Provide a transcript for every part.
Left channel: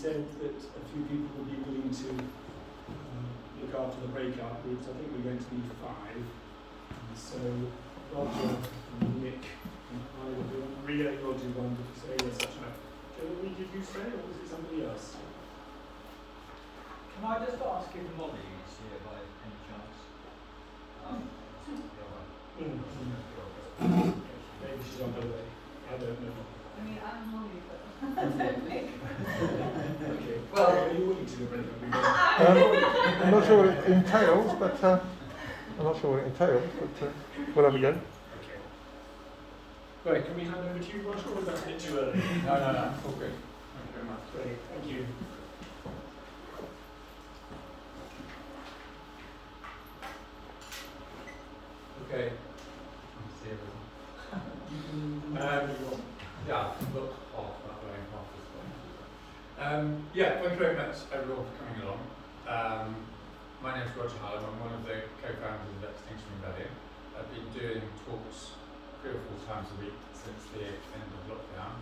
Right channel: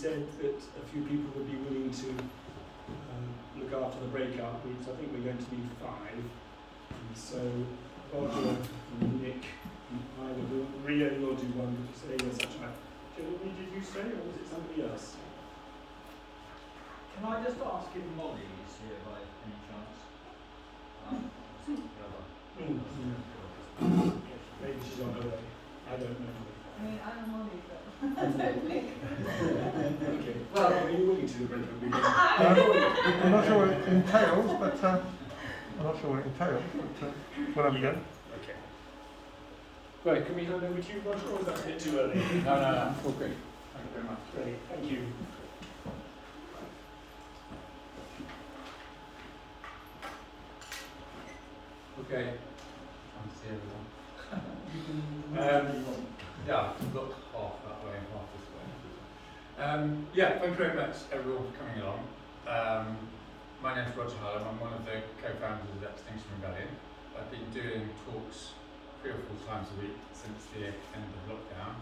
said that a few people would be willing to look after the breakout groups. I think we're going to need 5. And so Roger and Nick and I will do one. Ria, you'll do one. Did you say yes? Such like Jeremy, did you say, or was it somebody else? Can I just ask if Molly is here by any chance? Maybe she's on her way. I don't know. I mean, I'm Molly, but I don't think. Okay. Well, are you willing to do the breakout group? I'm not sure what it entails, but well, I'm done. Okay. Right, can we hand over to you, Roger, or is that a bit too early? No. All good. Thank you very much. Ready. Thank you. Okay. Can't see everyone. Yeah, look half that way and half this way. Yeah, thank you very much everyone for coming along. My name is Roger Hallam. I'm one of the co-founders of Extinction Rebellion. I've been doing talks 3 or 4 times a week since the end of lockdown,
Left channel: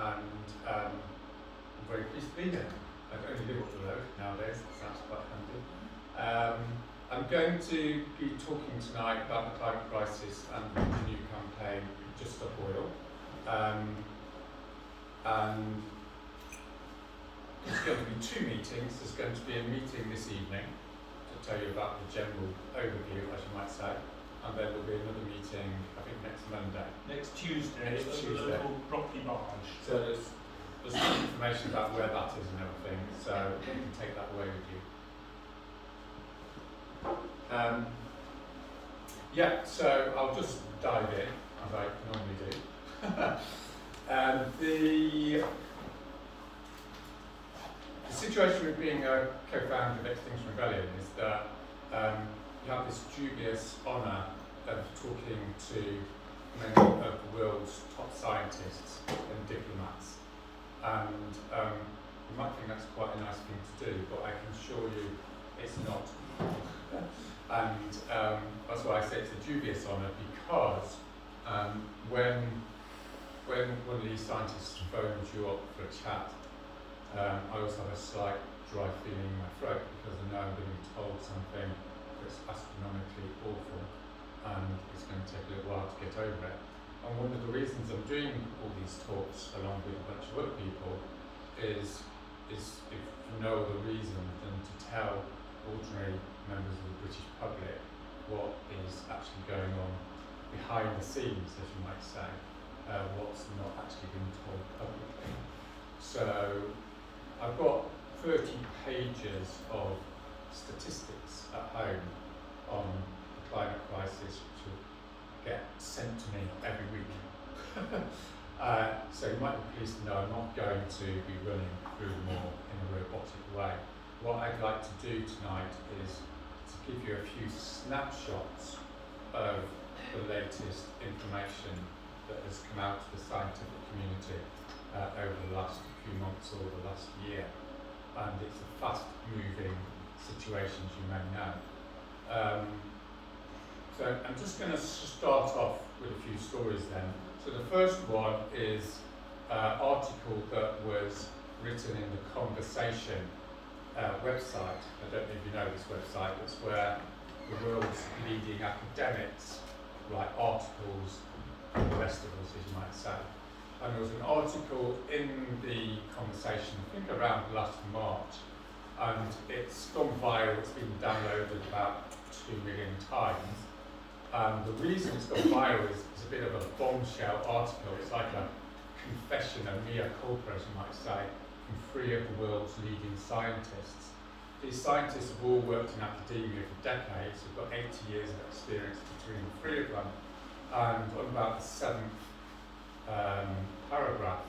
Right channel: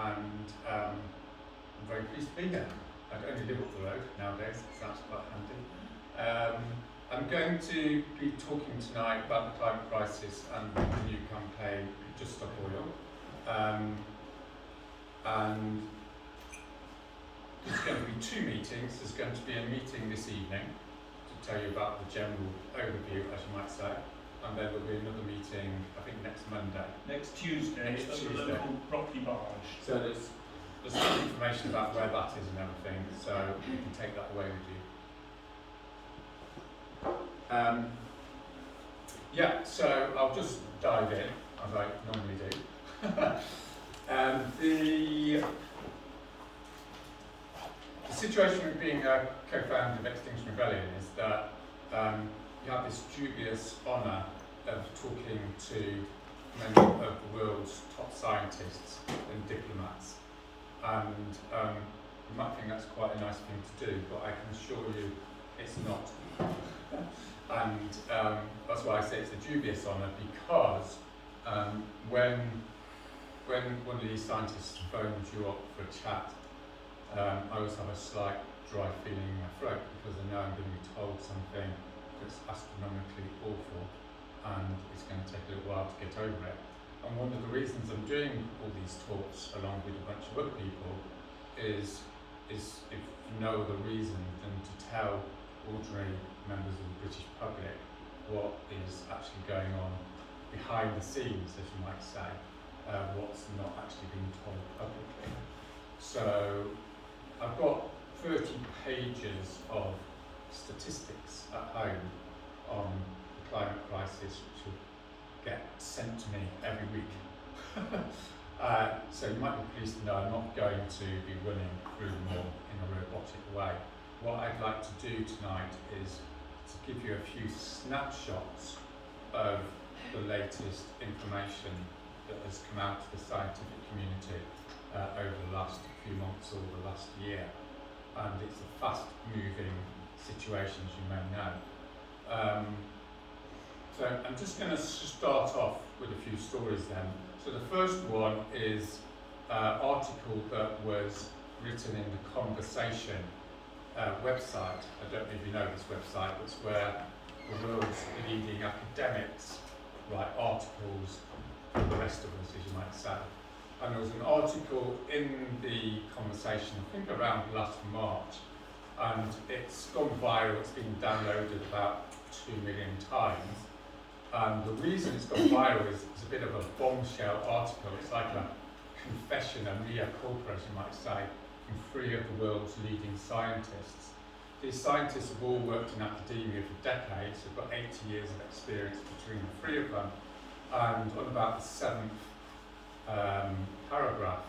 and I'm very pleased to be here. I only live up the road nowadays, so that's quite handy. I'm going to be talking tonight about the climate crisis and the new campaign, Just Stop Oil. And there's going to be 2 meetings. There's going to be a meeting this evening to tell you about the general overview, as you might say, and then there'll be another meeting, I think next Monday. Next Tuesday, Next Tuesday. local property barrage. So there's some information about where that is and everything, so you can take that away with you. Yeah, so I'll just dive in, as I normally do. The situation with being a co-founder of Extinction Rebellion is that you have this dubious honour of talking to many of the world's top scientists and diplomats, and you might think that's quite a nice thing to do, but I can assure you it's not. And that's why I say it's a dubious honour, because when one of these scientists phones you up for a chat, I also have a slight dry feeling in my throat, because I know I'm going to be told something that's astronomically awful, and it's going to take a little while to get over it. And one of the reasons I'm doing all these talks along with a bunch of other people is if no other reason than to tell ordinary members of the British public what is actually going on behind the scenes, as you might say, what's not actually being told publicly. So I've got 30 pages of statistics at home on the climate crisis, which will get sent to me every week. So you might be pleased to know I'm not going to be running through them all in a robotic way. What I'd like to do tonight is to give you a few snapshots of the latest information that has come out to the scientific community over the last few months or the last year. And it's a fast-moving situation, as you may know. So I'm just going to start off with a few stories then. So the first one is an article that was written in the Conversation website. I don't know if you know this website. It's where the world's leading academics write articles for the rest of us, as you might say. And there was an article in the Conversation, I think around last March, and it's gone viral. It's been downloaded about 2 million times. And the reason it's gone viral is a bit of a bombshell article. It's like a confession, a mea culpa, as you might say, from 3 of the world's leading scientists. These scientists have all worked in academia for decades. They've got 80 years of experience between the 3 of them. And on about the 7th paragraph,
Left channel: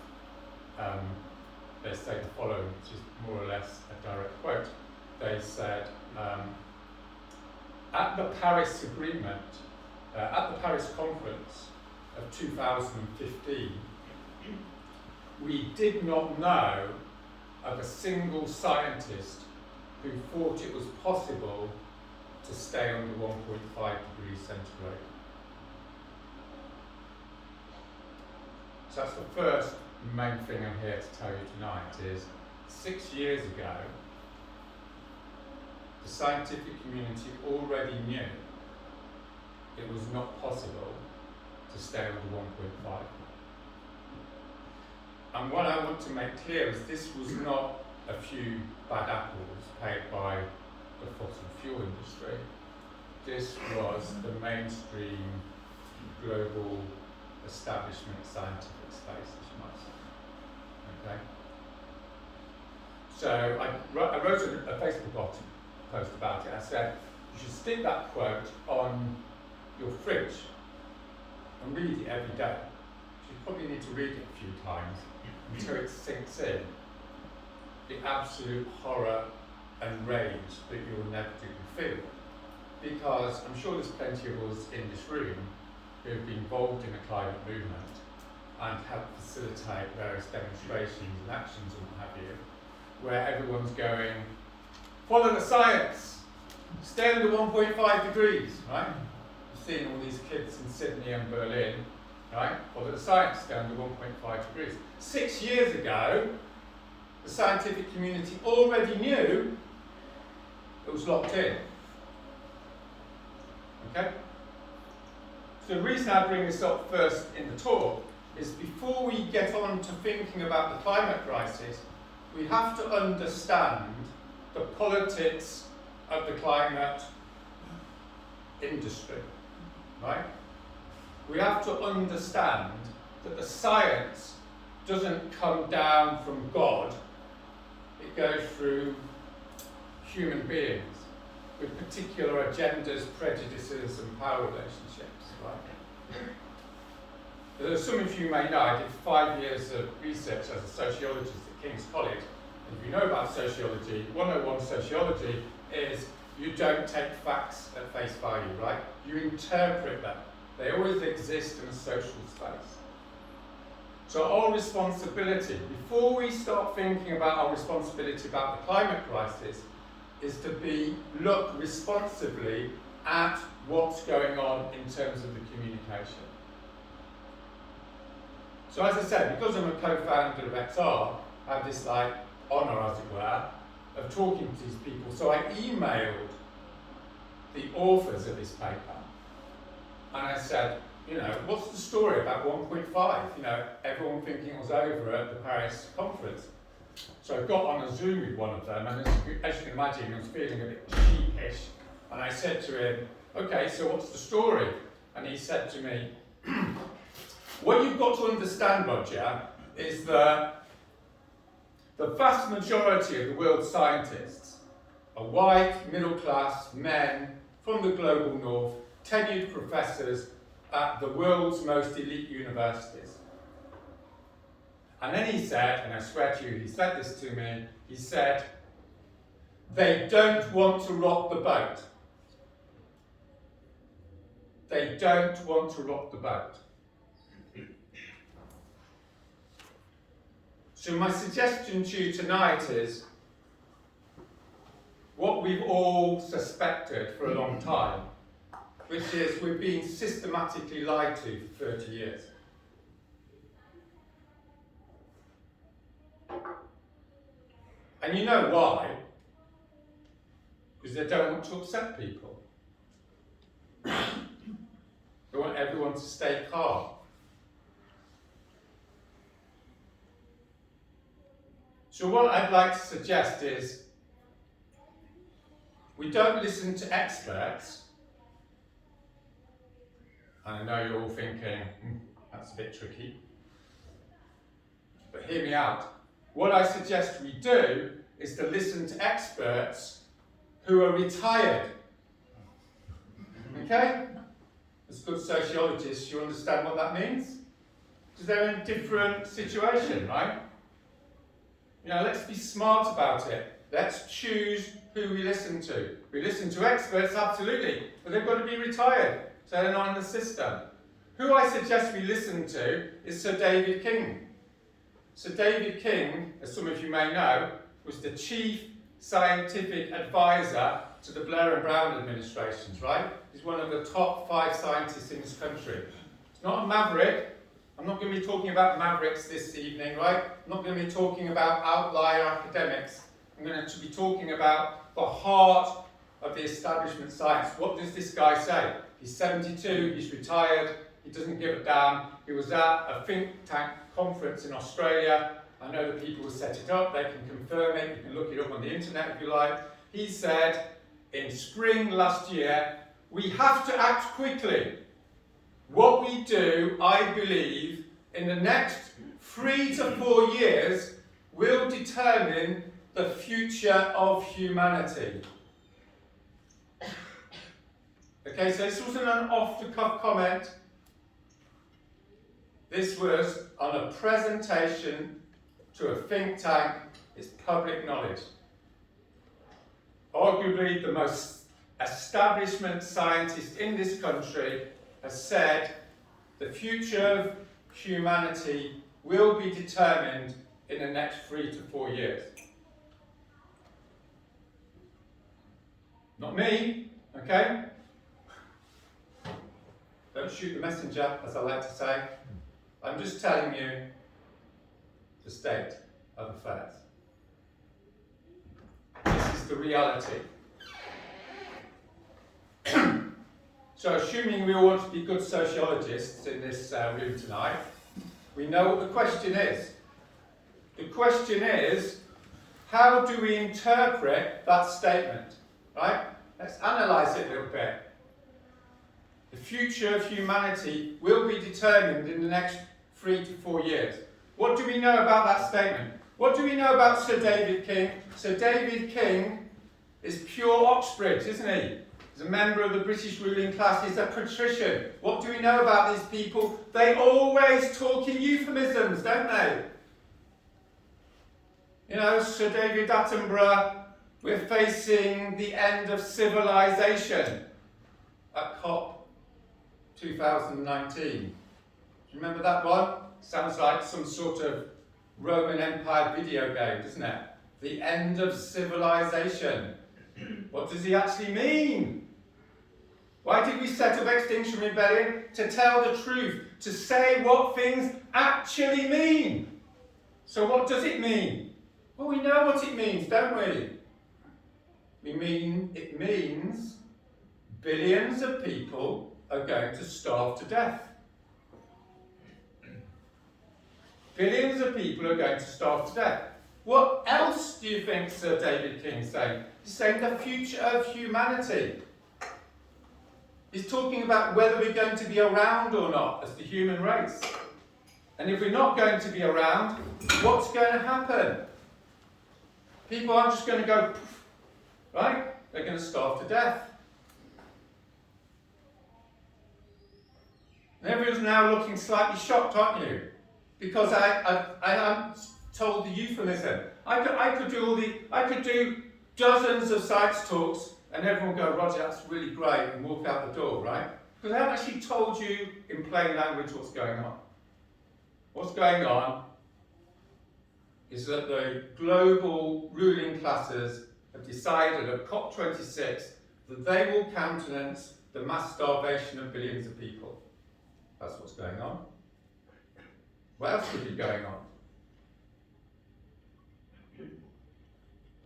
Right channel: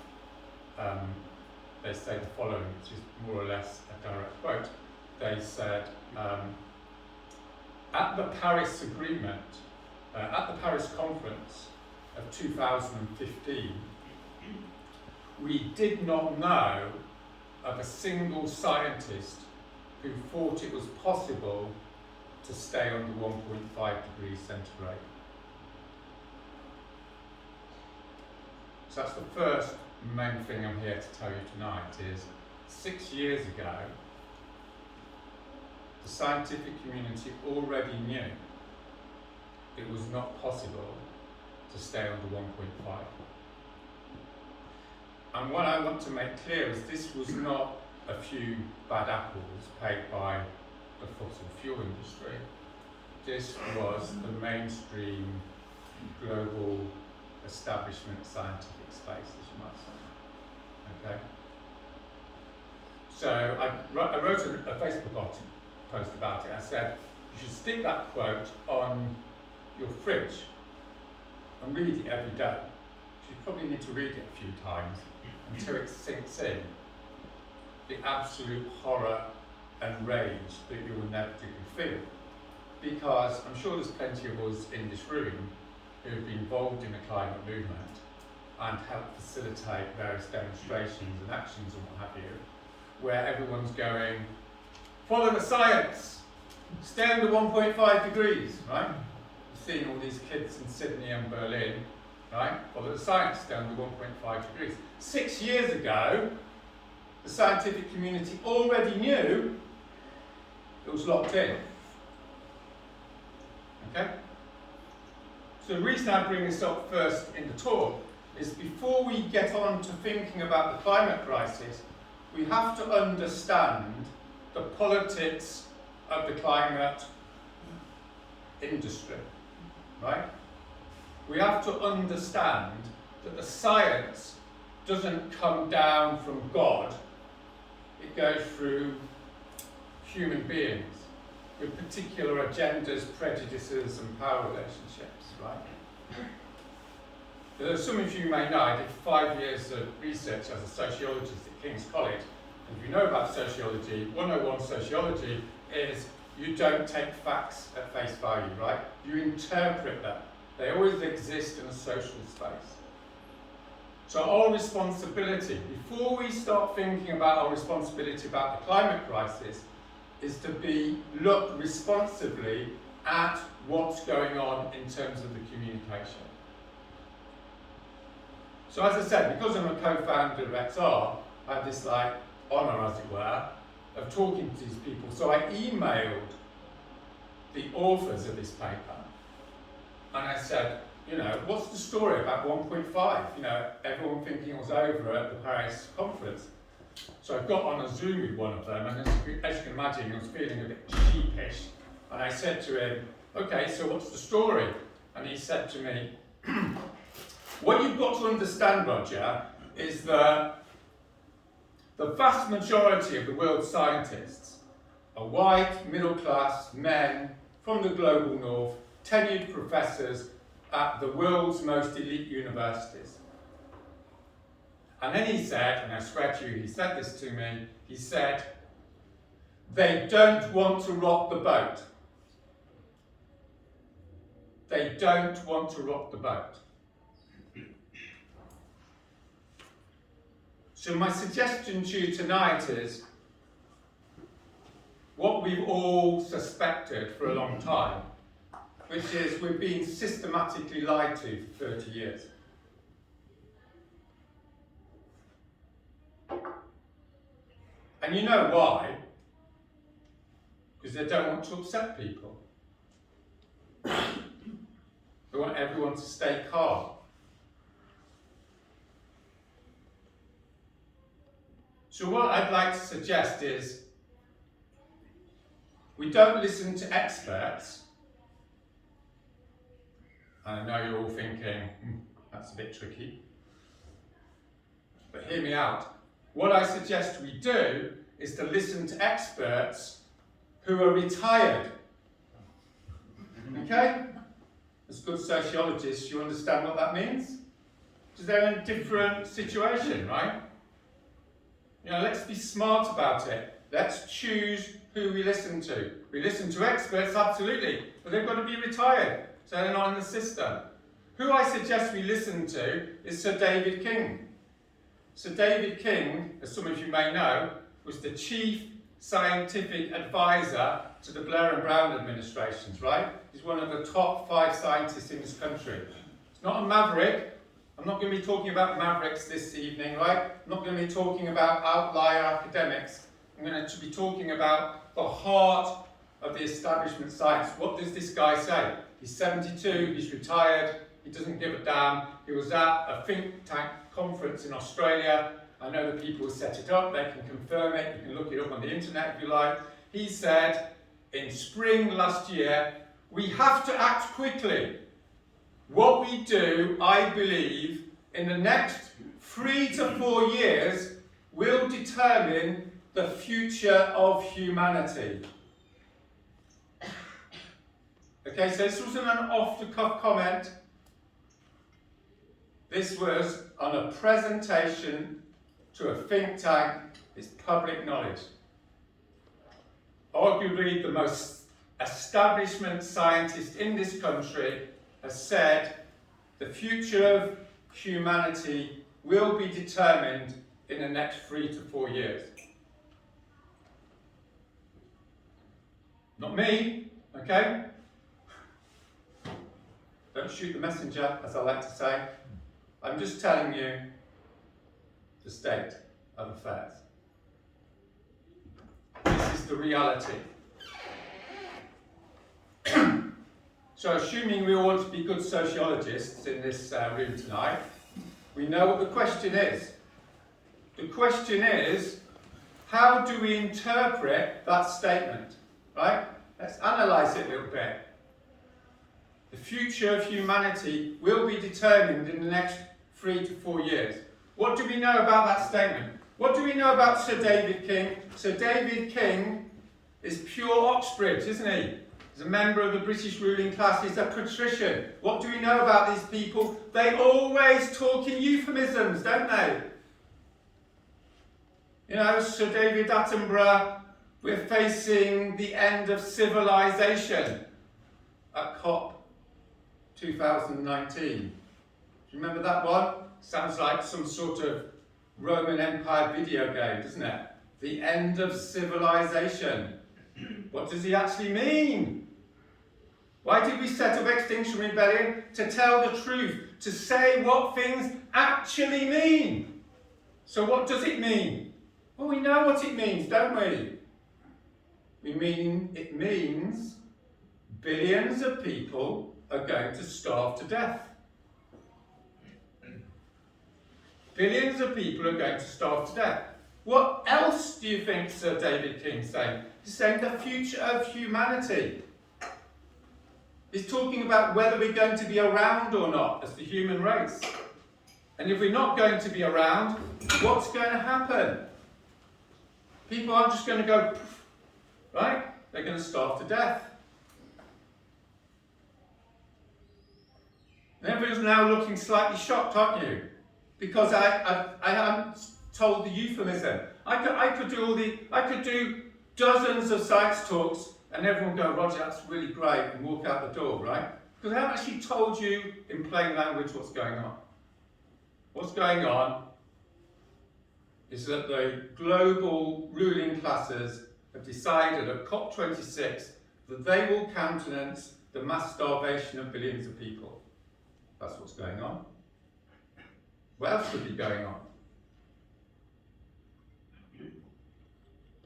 they say the following, which is more or less a direct quote. They said, at the Paris Agreement, at the Paris Conference of 2015, we did not know of a single scientist who thought it was possible to stay under 1.5 degrees centigrade. So that's the first main thing I'm here to tell you tonight is 6 years ago, the scientific community already knew it was not possible to stay under 1.5. And what I want to make clear is this was not a few bad apples paid by the fossil fuel industry. This was the mainstream global establishment scientific space, as you might say. Okay? So I wrote a Facebook post about it. I said, you should stick that quote on your fridge and read it every day. You probably need to read it a few times until it sinks in the absolute horror and rage that you'll inevitably feel. Because I'm sure there's plenty of us in this room who've been involved in the climate movement and helped facilitate various demonstrations and actions and what have you, where everyone's going, follow the science, stay under 1.5 degrees, right? You've seen all these kids in Sydney and Berlin, right? Follow the science, stay under 1.5 degrees. 6 years ago, the scientific community already knew it was locked in. Okay? So the reason I bring this up first in the talk is before we get on to thinking about the climate crisis, we have to understand the politics of the climate industry, right? We have to understand that the science doesn't come down from God, it goes through human beings with particular agendas, prejudices and power relationships, right? As some of you may know, I did 5 years of research as a sociologist at King's College. And if you know about sociology, 101 sociology is you don't take facts at face value, right? You interpret them. They always exist in a social space. So our responsibility, before we start thinking about our responsibility about the climate crisis, is to look responsibly at what's going on in terms of the communication. So as I said, because I'm a co-founder of XR, I have this honour, as it were, of talking to these people. So I emailed the authors of this paper and I said, what's the story about 1.5? Everyone thinking it was over at the Paris conference. So I got on a Zoom with one of them, and as you can imagine, he was feeling a bit sheepish. And I said to him, okay, so what's the story? And he said to me, what you've got to understand, Roger, is that the vast majority of the world's scientists are white, middle-class men from the global north, tenured professors at the world's most elite universities. And then he said, and I swear to you, he said this to me, he said, they don't want to rock the boat. They don't want to rock the boat. So my suggestion to you tonight is what we've all suspected for a long time, which is we're being systematically lied to for 30 years. And you know why? Because they don't want to upset people. They want everyone to stay calm. So what I'd like to suggest is we don't listen to experts. And I know you're all thinking, that's a bit tricky. But hear me out. What I suggest we do is to listen to experts who are retired. Okay? As good sociologists, you understand what that means? Because they're in a different situation, right? Let's be smart about it. Let's choose who we listen to. We listen to experts, absolutely, but they've got to be retired, so they're not in the system. Who I suggest we listen to is Sir David King. Sir David King, as some of you may know, was the chief scientific advisor to the Blair and Brown administrations, right? He's one of the top 5 scientists in this country. He's not a maverick. I'm not going to be talking about mavericks this evening, right? I'm not going to be talking about outlier academics. I'm going to be talking about the heart of the establishment science. What does this guy say? He's 72, he's retired, he doesn't give a damn. He was at a think tank conference in Australia. I know the people who set it up, they can confirm it, you can look it up on the internet if you like. He said, in spring last year, we have to act quickly. What we do, I believe, in the next 3 to 4 years will determine the future of humanity. Okay, so this wasn't an off-the-cuff comment. This was on a presentation to a think tank. It's public knowledge. Arguably the most establishment scientist in this country has said the future of humanity will be determined in the next 3 to 4 years. Not me, okay? Don't shoot the messenger, as I like to say. I'm just telling you the state of affairs. This is the reality. So assuming we all want to be good sociologists in this room tonight, we know what the question is. The question is, how do we interpret that statement, right? Let's analyse it a little bit. The future of humanity will be determined in the next 3 to 4 years. What do we know about that statement? What do we know about Sir David King? Sir David King is pure Oxbridge, isn't he? He's a member of the British ruling class. He's a patrician. What do we know about these people? They always talk in euphemisms, don't they? You know, Sir David Attenborough, we're facing the end of civilization at COP 2019. Do you remember that one? Sounds like some sort of Roman Empire video game, doesn't it? The end of civilization. What does he actually mean? Why did we set up Extinction Rebellion? To tell the truth, to say what things actually mean. So what does it mean? Well, we know what it means, don't we? It means billions of people are going to starve to death. Billions of people are going to starve to death. What else do you think Sir David King's saying? He's saying the future of humanity. He's talking about whether we're going to be around or not as the human race. And if we're not going to be around, what's going to happen? People aren't just going to go, poof, right? They're going to starve to death. And everyone's now looking slightly shocked, aren't you? Because I haven't told the euphemism. I could do dozens of science talks and everyone would go, Roger, that's really great, and walk out the door, right? Because I haven't actually told you in plain language what's going on. What's going on is that the global ruling classes have decided at COP26 that they will countenance the mass starvation of billions of people. That's what's going on. What else could be going on?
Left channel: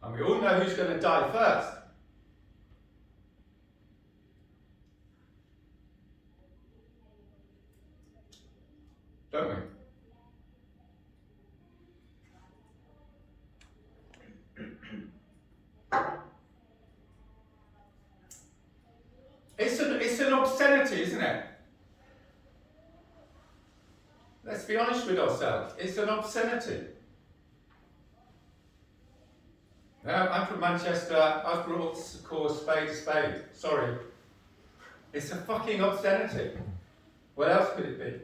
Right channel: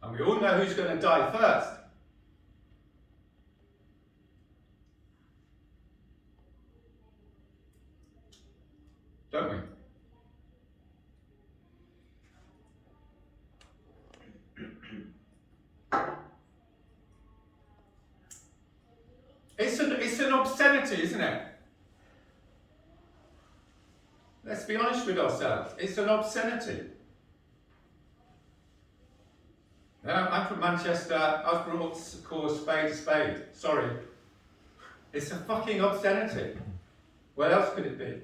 And we all know who's going to die first. Don't we? It's an obscenity, isn't it? Let's be honest with ourselves. It's an obscenity. I'm from Manchester. I was brought up to call a spade a spade. Sorry. It's a fucking obscenity. What else could it be?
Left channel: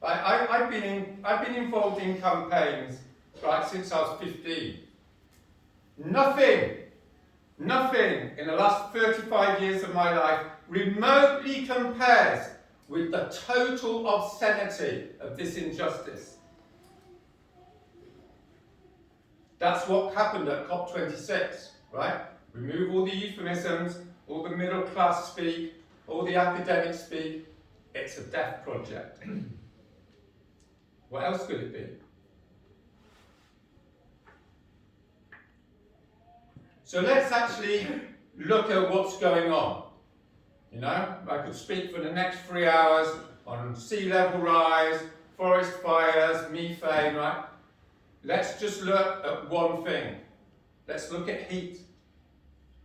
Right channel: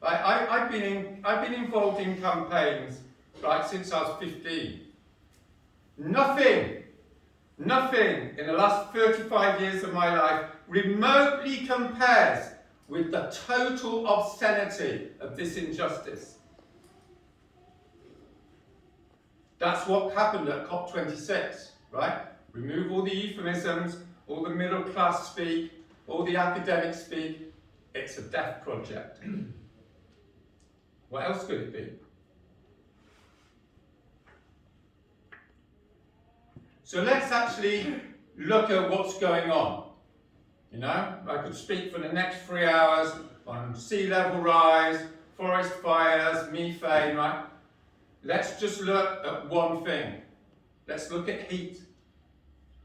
I've been involved in campaigns since I was 15. Nothing in the last 35 years of my life remotely compares with the total obscenity of this injustice. That's what happened at COP26, right? Remove all the euphemisms, all the middle class speak, all the academic speak. It's a death project. What else could it be? So let's actually look at what's going on. You know, I could speak for the next 3 hours on sea level rise, forest fires, methane, right? Let's just look at one thing. Let's look at heat.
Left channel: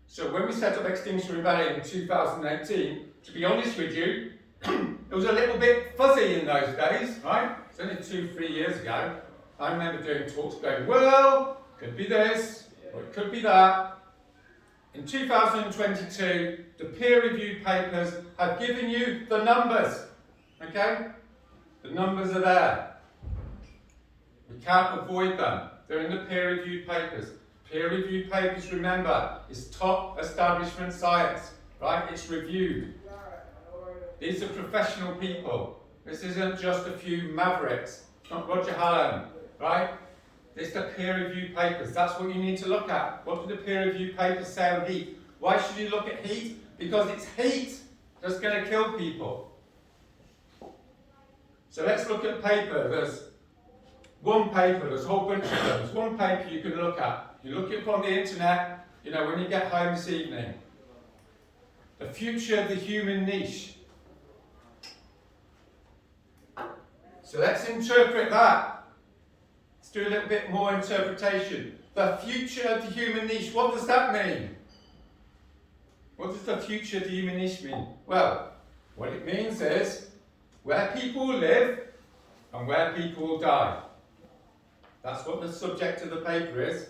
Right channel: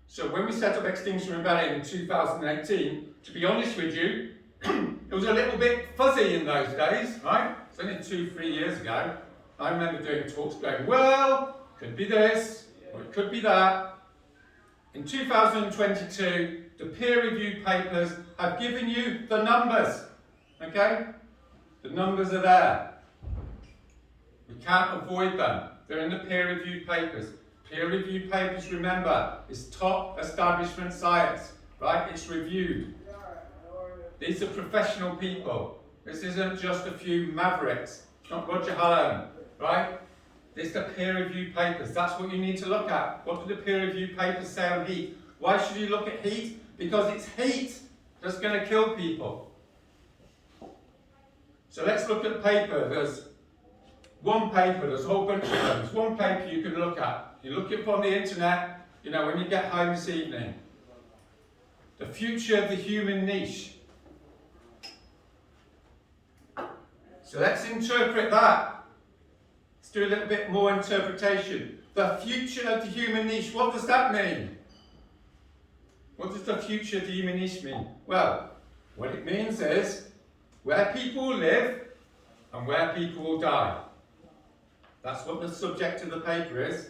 So when we set up Extinction Rebellion in 2018, to be honest with you, it was a little bit fuzzy in those days, right? It's only 2-3 years ago. I remember doing talks going, well, could be this, or it could be that. In 2022, the peer-reviewed papers have given you the numbers, okay? The numbers are there. We can't avoid them. They're in the peer-reviewed papers. Peer-reviewed papers, remember, is top establishment science, right? It's reviewed. These are professional people. This isn't just a few mavericks. It's not Roger Hallam, right? It's the peer-reviewed papers. That's what you need to look at. What do the peer-reviewed papers say on heat? Why should you look at heat? Because it's heat that's going to kill people. So let's look at paper. There's one paper, there's a whole bunch of them. There's one paper you can look at. You look it up on the internet, you know, when you get home this evening. The future of the human niche. So let's interpret that. Let's do a little bit more interpretation. The future of the human niche, what does that mean? What does the future of the human niche mean? Well, what it means is where people will live and where people will die. That's what the subject of the paper is,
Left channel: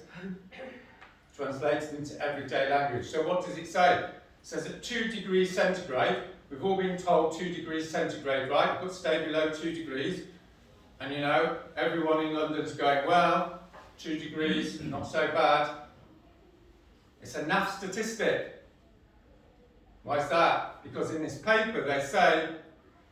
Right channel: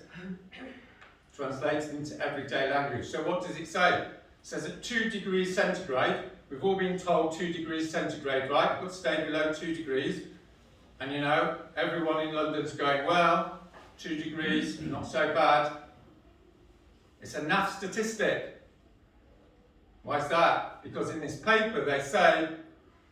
translated into everyday language. So what does it say? It says at 2 degrees centigrade, we've all been told 2 degrees centigrade, right? We've got to stay below 2 degrees. And you know, everyone in London's going, well, 2 degrees, not so bad. It's a naff statistic. Why is that? Because in this paper they say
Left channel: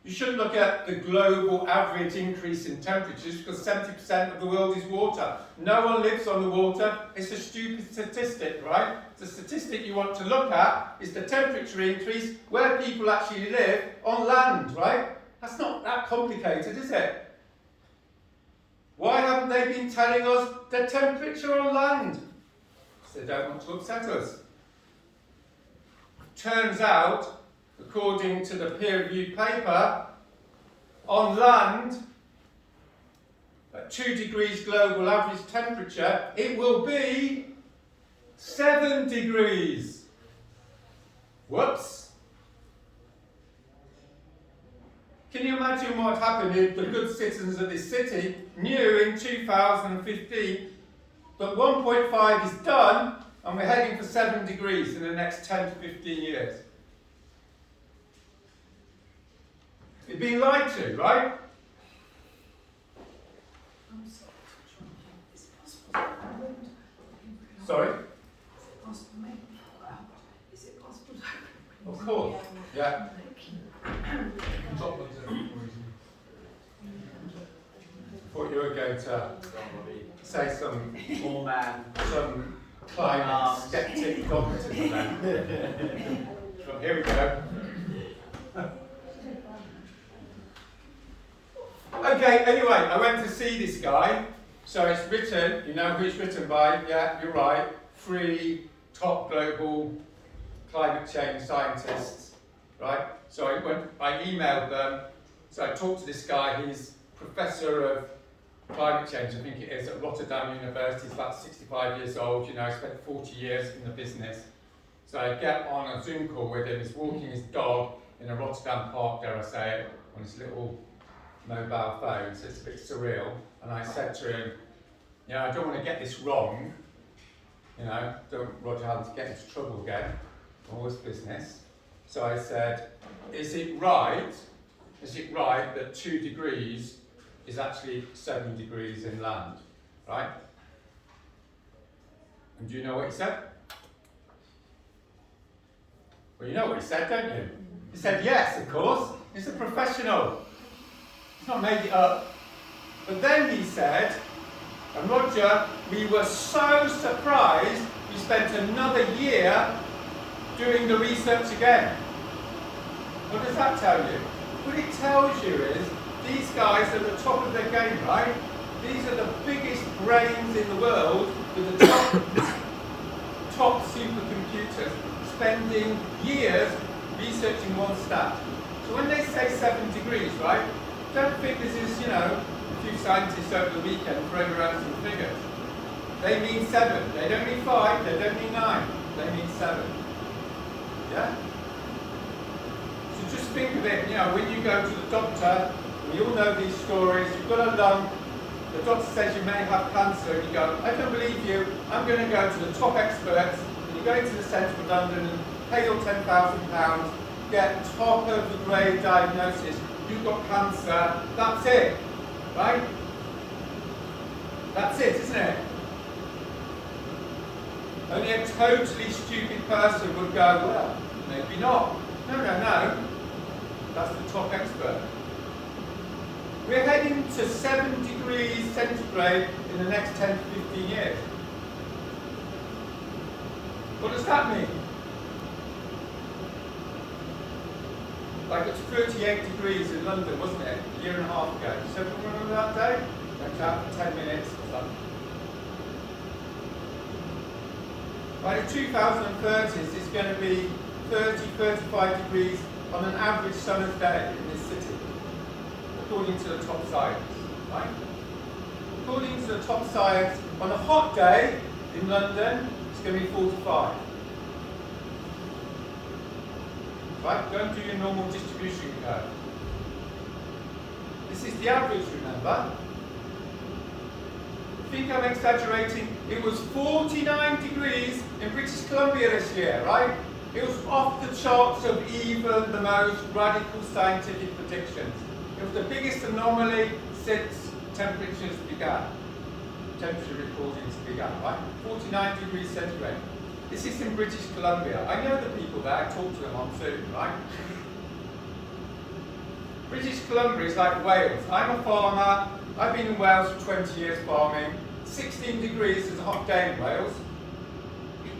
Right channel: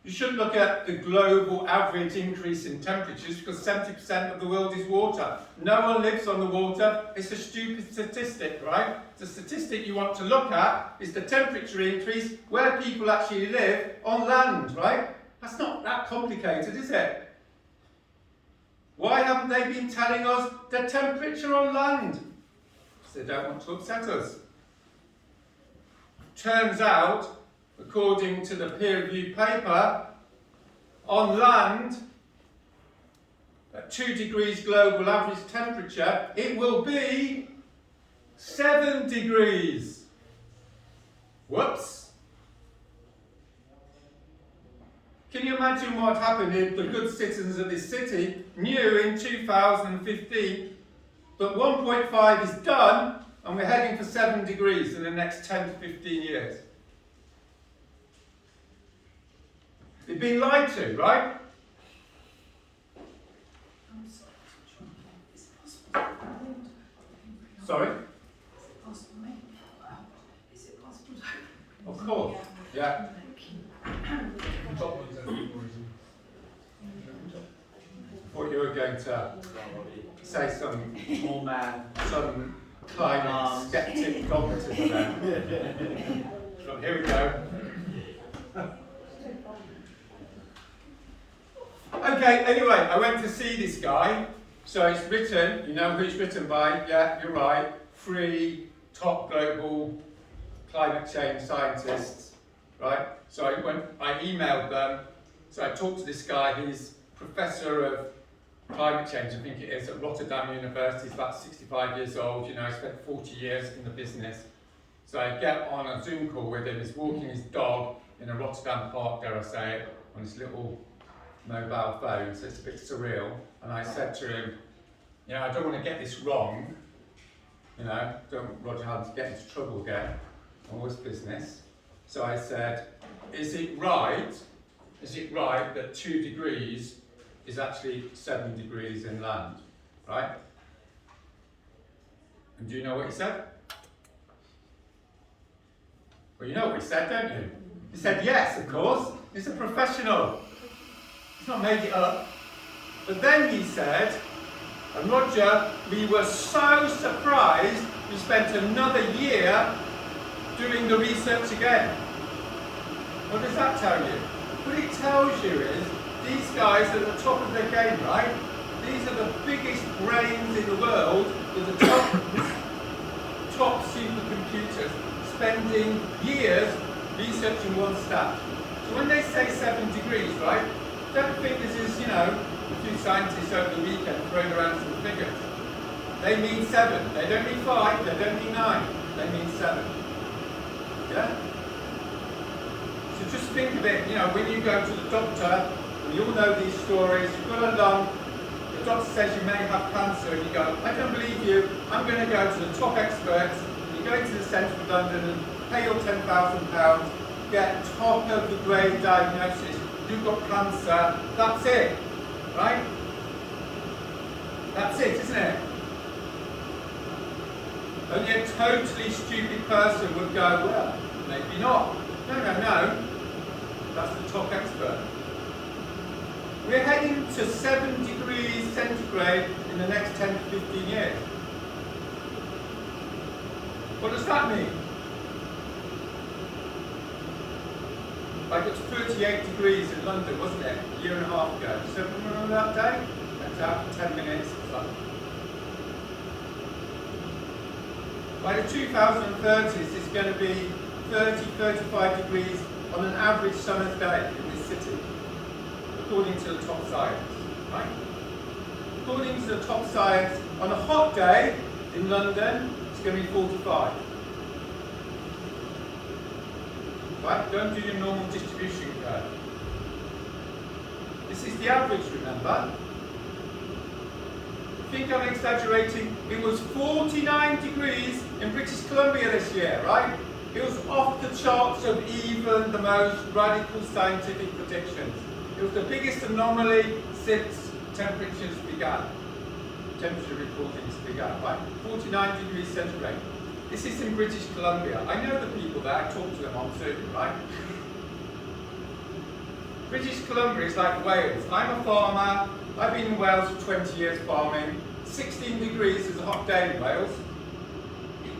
you shouldn't look at the global average increase in temperatures because 70% of the world is water. No one lives on the water. It's a stupid statistic, right? The statistic you want to look at is the temperature increase where people actually live on land, right? That's not that complicated, is it? Why haven't they been telling us the temperature on land? Because they don't want to upset us. Turns out, according to the peer-reviewed paper, on land, at 2 degrees global average temperature, it will be 7 degrees. Whoops. Can you imagine what happened if the good citizens of this city knew in 2015 that 1.5 is done and we're heading for 7 degrees in the next 10 to 15 years? You've been lied to, right? Sorry? Of course, yeah. Thought you were going to say some climate skeptic dogmatism then. But here we go. Okay, anyway, I went to see this guy. So it's written, you know who it's written by? Yeah, you're right. 3 top global climate change scientists, right? So I emailed them. So I talked to this guy. He's professor of climate change, I think it is, at Rotterdam University. He's about 65 years old. You know, he spent 40 years in the business. So I get on a Zoom call with him. He's walking his dog in a Rotterdam park, dare I say it, on his little mobile phone. So it's a bit surreal. And I said to him, yeah, I don't want to get this wrong. You know, don't Roger Hallam to get into trouble again. Always business. So I said, is it right that 2 degrees is actually 7 degrees inland, right? And do you know what he said? Well, you know what he said, don't you? He said, yes, of course. He's a professional. He's not made it up. But then he said, and Roger, we were so surprised we spent another year doing the research again. What does that tell you? What it tells you is these guys are at the top of their game, right? These are the biggest brains in the world with the top spending years researching one stat. So when they say 7 degrees, right, don't think this is, you know, a few scientists over the weekend throwing around some figures. They mean 7. They don't mean 5. They don't mean 9. They mean 7. Yeah? So just think of it, you know, when you go to the doctor, we all know these stories, you've got a lump, the doctor says you may have cancer, and you go, I don't believe you, I'm going to go to the top experts, and you go into the centre of London and pay your £10,000, get top of the grade diagnosis, you've got cancer, that's it, right? That's it, isn't it? Only a totally stupid person would go, well, maybe not. No, no, no. That's the top expert. We're heading to 7 degrees centigrade in the next 10 to 15 years. What does that mean? Like it's 38 degrees in London, wasn't it? A year and a half ago. So remember that day? Went out for 10 minutes or something. By the 2030s, it's going to be 30, 35 degrees on an average summer's day in this city, according to the top science, right? According to the top science, on a hot day in London, it's going to be 45. Right? Don't do your normal distribution curve. This is the average, remember? I think I'm exaggerating. It was 49 degrees in British Columbia this year, right? It was off the charts of even the most radical scientific predictions. It was the biggest anomaly since temperatures began. Temperature recordings began, right? 49 degrees centigrade. This is in British Columbia. I know the people there, I talk to them on Zoom, right? British Columbia is like Wales. I'm a farmer. I've been in Wales for 20 years farming. 16 degrees is a hot day in Wales.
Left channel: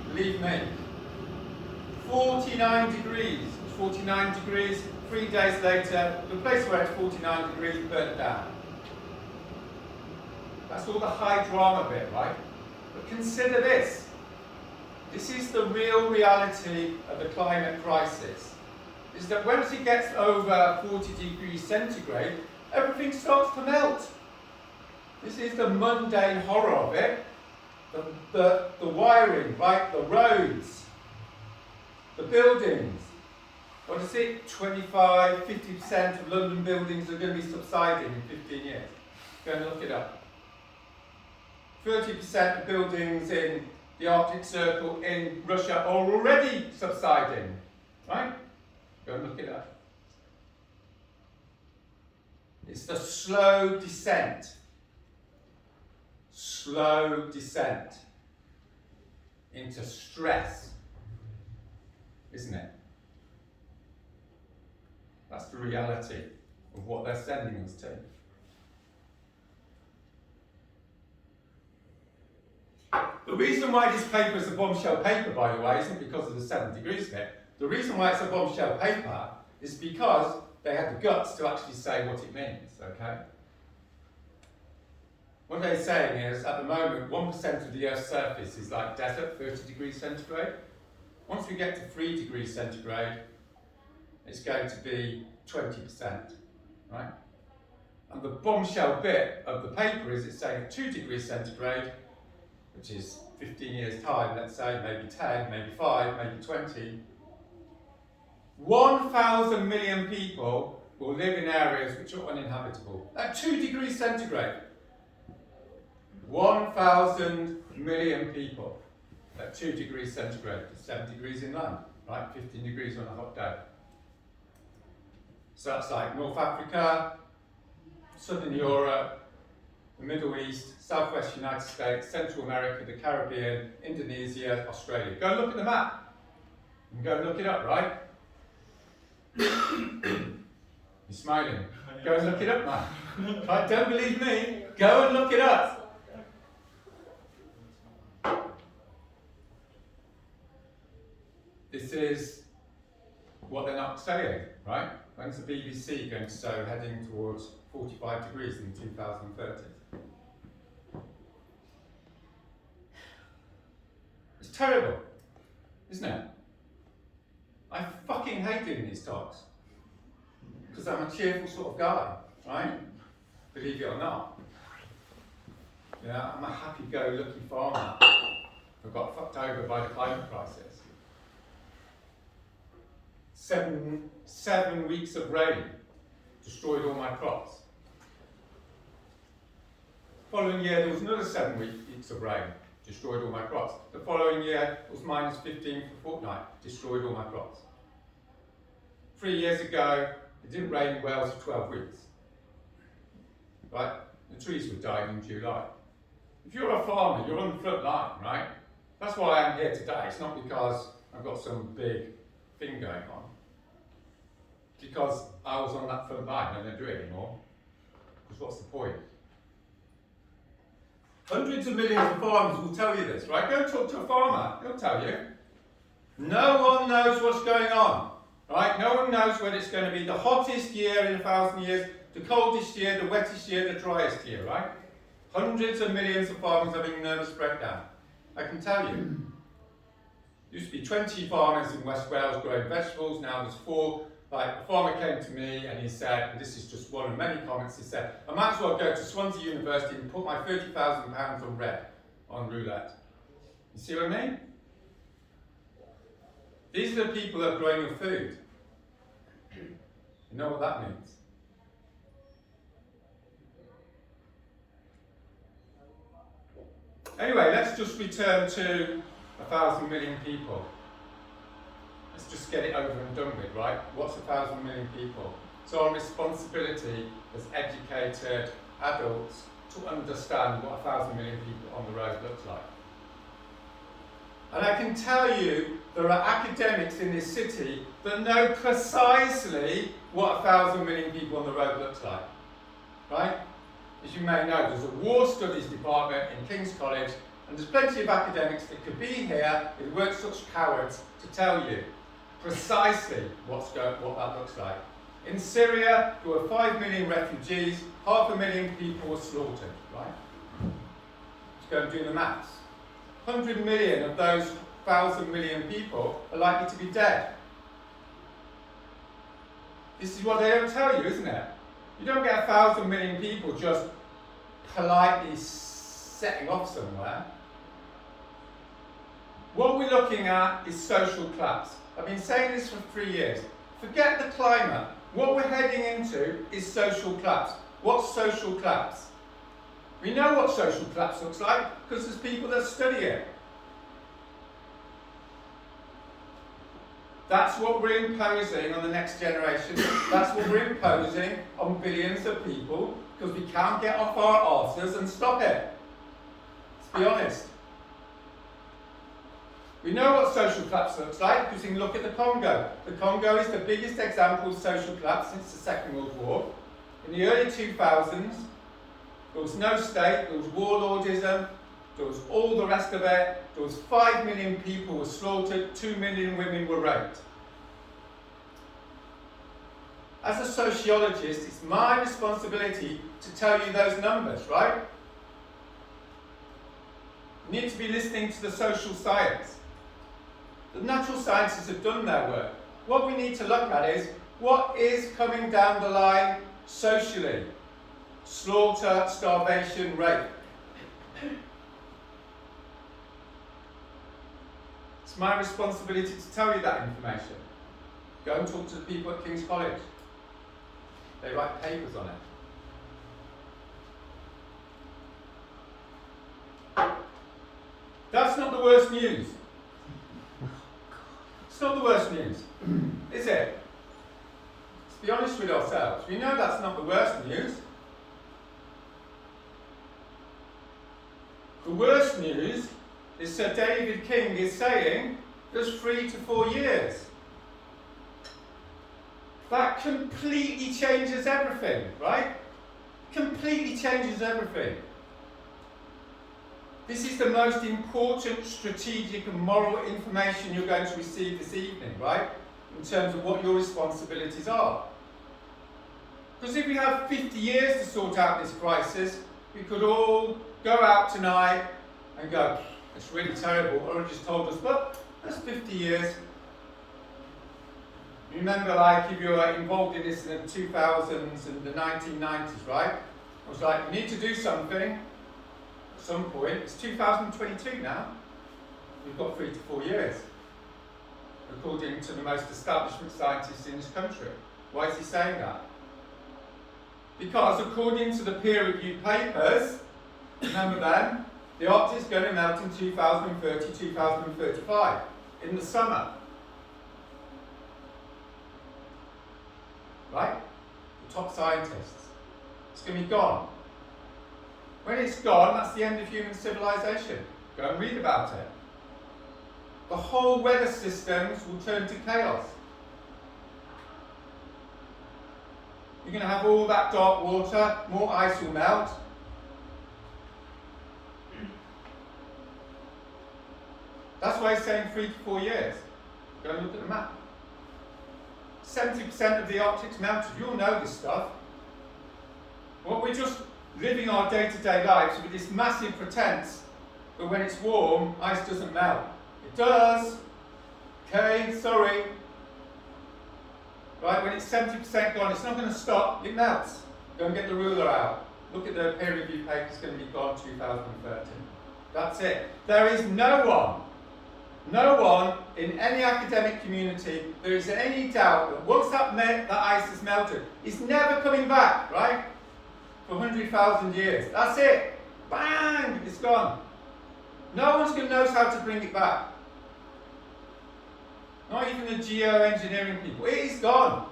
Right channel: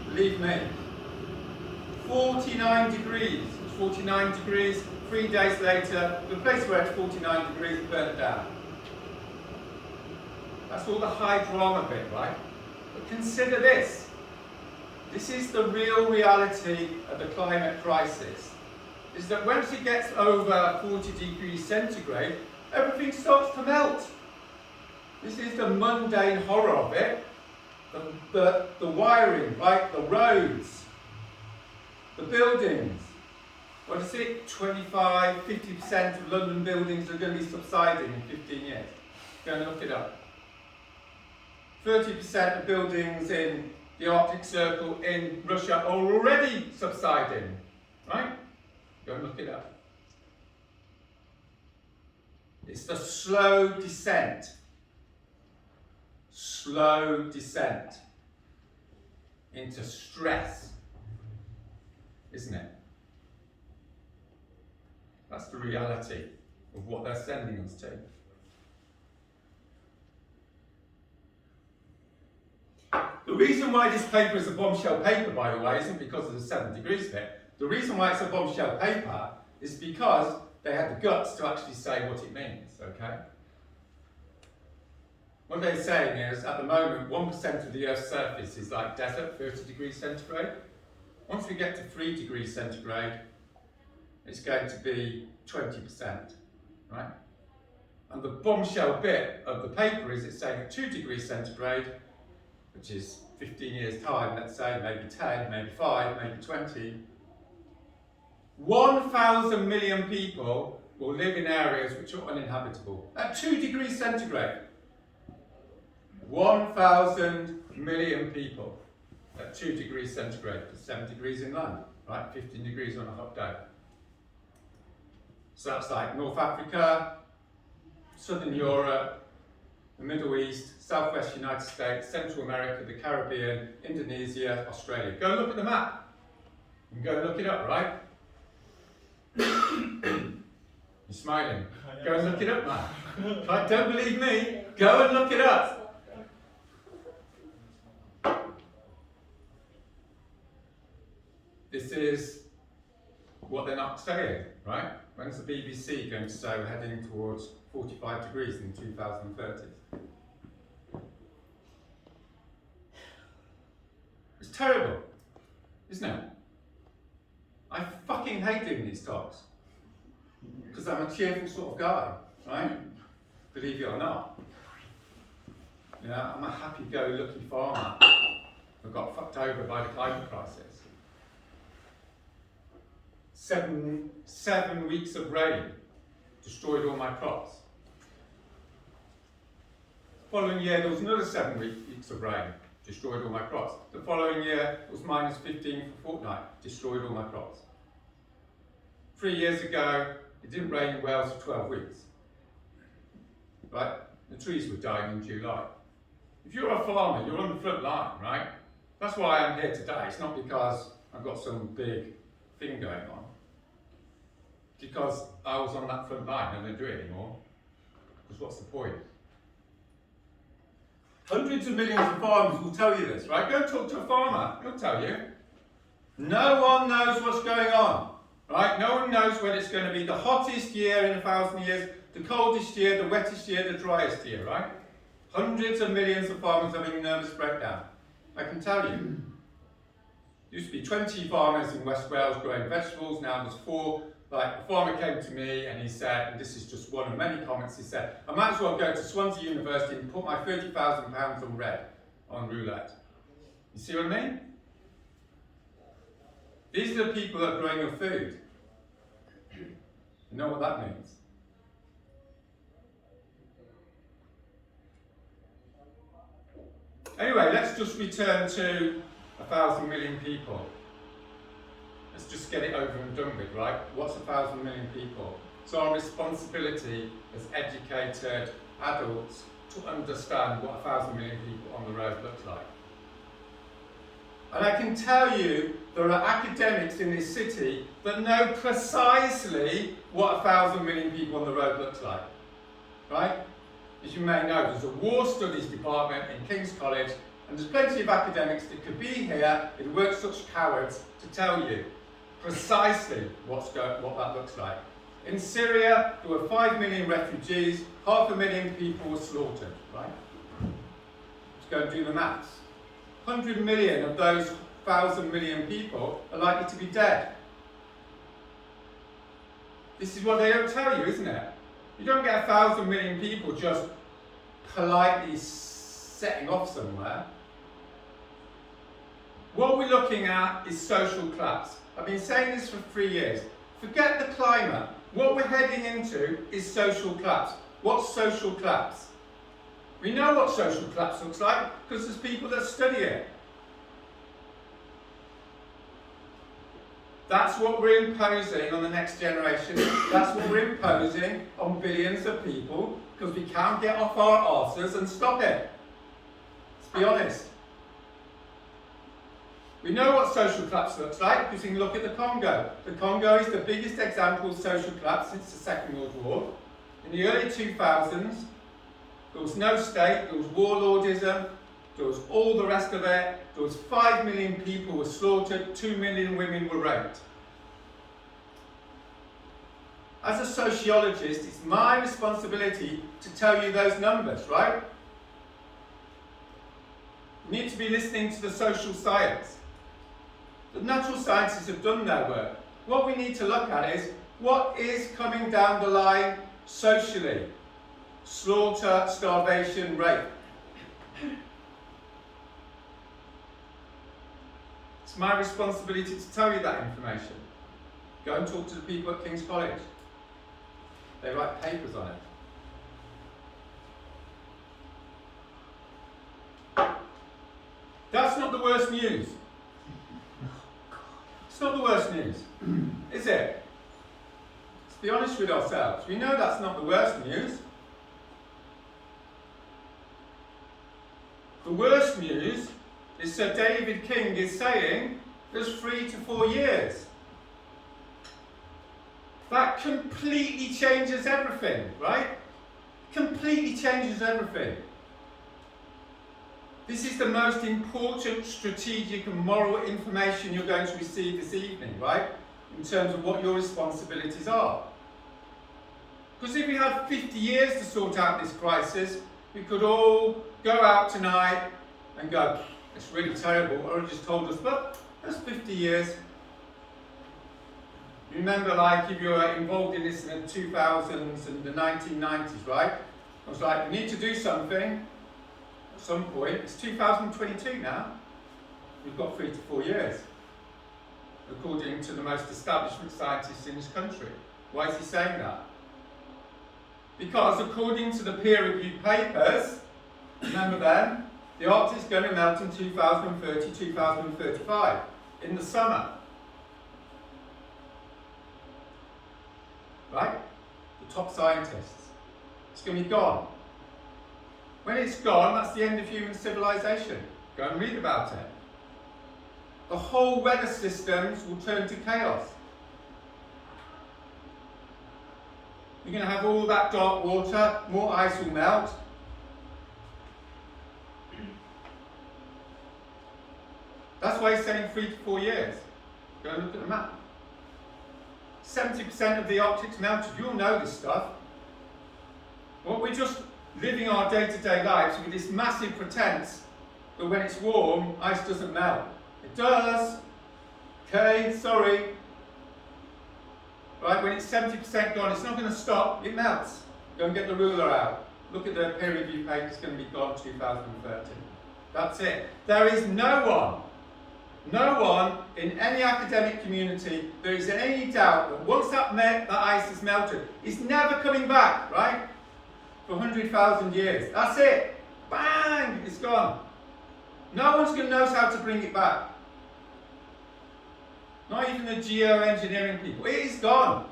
Believe me. 49 degrees. 49 degrees. 3 days later, the place where it's 49 degrees burnt down. That's all the high drama bit, right? But consider this. This is the real reality of the climate crisis. Is that once it gets over 40 degrees centigrade, everything starts to melt. This is the mundane horror of it. The wiring, right? The roads, the buildings. What is it? 25, 50% of London buildings are going to be subsiding in 15 years. Go and look it up. 30% of buildings in the Arctic Circle in Russia are already subsiding, right? Go and look it up. It's the slow descent into stress, isn't it? That's the reality of what they're sending us to. The reason why this paper is a bombshell paper, by the way, isn't because of the 7 degrees bit. The reason why it's a bombshell paper is because they had the guts to actually say what it means, okay? What they're saying is, at the moment, 1% of the Earth's surface is like desert, 30 degrees centigrade. Once we get to 3 degrees centigrade, it's going to be 20%, right? And the bombshell bit of the paper is it's saying at 2 degrees centigrade, which is 15 years' time, let's say, maybe 10, maybe 5, maybe 20, 1,000 million people will live in areas which are uninhabitable. At 2 degrees centigrade. 1,000 million people at 2 degrees centigrade. 7 degrees inland, right? 15 degrees on a hot day. So that's like North Africa, Southern Europe, the Middle East, Southwest United States, Central America, the Caribbean, Indonesia, Australia. Go and look at the map. And go and look it up, right? You're smiling. Go and look it up, man. Right, don't believe me. Go and look it up. This is what they're not saying, right? When's the BBC going to say we're heading towards 45 degrees in 2030? It's terrible, isn't it? fucking hate doing these talks. Because I'm a cheerful sort of guy, right? Believe it or not. Yeah, I'm a happy-go-lucky farmer who got fucked over by the climate crisis. 7 weeks of rain destroyed all my crops. Following year, there was another 7 weeks of rain, destroyed all my crops. The following year, it was minus 15 for a fortnight, destroyed all my crops. 3 years ago, it didn't rain in Wales for 12 weeks. Right? The trees were dying in July. If you're a farmer, you're on the front line, right? That's why I am here today. It's not because I've got some big thing going on. It's because I was on that front line and I don't do it anymore. Because what's the point? Hundreds of millions of farmers will tell you this, right? Go and talk to a farmer, he'll tell you. No one knows what's going on, right? No one knows whether it's going to be the hottest year in 1,000 years, the coldest year, the wettest year, the driest year, right? Hundreds of millions of farmers having nervous breakdown. I can tell you. There used to be 20 farmers in West Wales growing vegetables, now there's 4. Like, a farmer came to me and he said, and this is just one of many comments, he said, I might as well go to Swansea University and put my £30,000 on red, on roulette. You see what I mean? These are the people that are growing your food. You know what that means? Anyway, let's just return to 1,000 million people. Let's just get it over and done with, right? What's 1,000 million people? It's our responsibility as educated adults to understand what 1,000 million people on the road looks like. And I can tell you there are academics in this city that know precisely what 1,000 million people on the road looks like, right? As you may know, there's a war studies department in King's College, and there's plenty of academics that could be here if we weren't such cowards to tell you precisely what that looks like. In Syria, there were 5 million refugees, 500,000 people were slaughtered, right? Let's go and do the maths. 100 million of those 1,000 million people are likely to be dead. This is what they don't tell you, isn't it? You don't get 1,000 million people just politely setting off somewhere. What we're looking at is social collapse. I've been saying this for 3 years. Forget the climate. What we're heading into is social collapse. What's social collapse? We know what social collapse looks like because there's people that study it. That's what we're imposing on the next generation. That's what we're imposing on billions of people because we can't get off our arses and stop it. Let's be honest. We know what social collapse looks like because you can look at the Congo. The Congo is the biggest example of social collapse since the Second World War. In the early 2000s, there was no state, there was warlordism, there was all the rest of it. There was 5 million people were slaughtered, 2 million women were raped. As a sociologist, it's my responsibility to tell you those numbers, right? You need to be listening to the social science. The natural sciences have done their work. What we need to look at is what is coming down the line socially. Slaughter, starvation, rape. It's my responsibility to tell you that information. Go and talk to the people at King's College. They write papers on it. That's not the worst news. It's not the worst news, is it? Let's be honest with ourselves. We know that's not the worst news. The worst news is Sir David King is saying there's 3 to 4 years. That completely changes everything, right? Completely changes everything. This is the most important strategic and moral information you're going to receive this evening, right? In terms of what your responsibilities are. Because if we had 50 years to sort out this crisis, we could all go out tonight and go, it's really terrible, or just told us, but that's 50 years. You remember, like, if you were involved in this in the 2000s and the 1990s, right? I was like, we need to do something at some point. It's 2022 now. We've got 3 to 4 years, according to the most establishment scientists in this country. Why is he saying that? Because according to the peer-reviewed papers, remember them, the Arctic is going to melt in 2030, 2035, in the summer. Right? The top scientists. It's going to be gone. When it's gone, that's the end of human civilization. Go and read about it. The whole weather systems will turn to chaos. You're going to have all that dark water, more ice will melt. That's why he's saying 3 to 4 years. Go and look at the map. 70% of the Arctic's melted. You all know this stuff. Well, we're just living our day-to-day lives with this massive pretense that when it's warm, ice doesn't melt. It does. Okay, sorry. Right, when it's 70% gone, it's not going to stop. It melts. Go and get the ruler out. Look at the peer review paper. It's going to be gone 2030. That's it. There is no one in any academic community, there is any doubt that once that ice has melted, it's never coming back, right? For 100,000 years. That's it. Bang! It's gone. No one's going to know how to bring it back. Not even the geoengineering people. It is gone.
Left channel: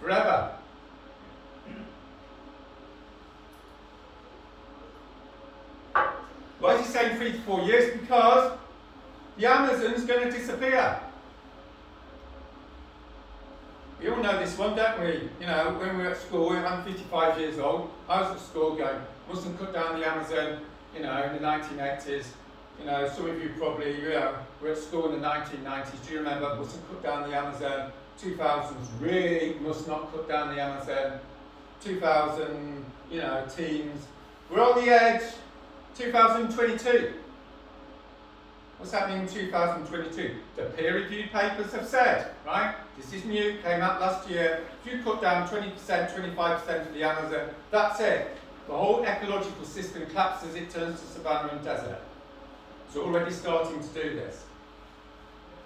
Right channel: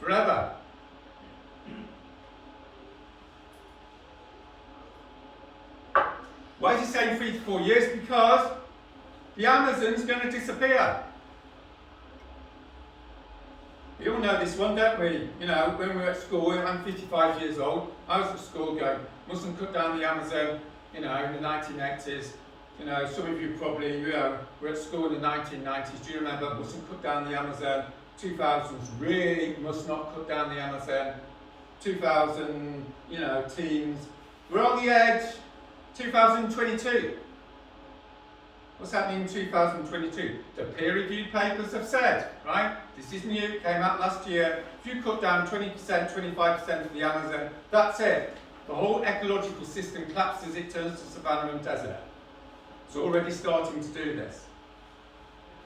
Forever. Why is he saying 3 to 4 years? Because the Amazon's going to disappear. We all know this one, don't we? You know, when we were at school, I'm 55 years old, I was at school going, mustn't cut down the Amazon, you know, in the 1980s. You know, some of you probably, you know, were at school in the 1990s. Do you remember, mustn't cut down the Amazon? 2000s, really must not cut down the Amazon. 2000, you know, teens. We're on the edge. 2022. What's happening in 2022? The peer-reviewed papers have said, right? This is new, came out last year. If you cut down 20%, 25% of the Amazon, that's it. The whole ecological system collapses, it turns to savanna and desert. It's already starting to do this.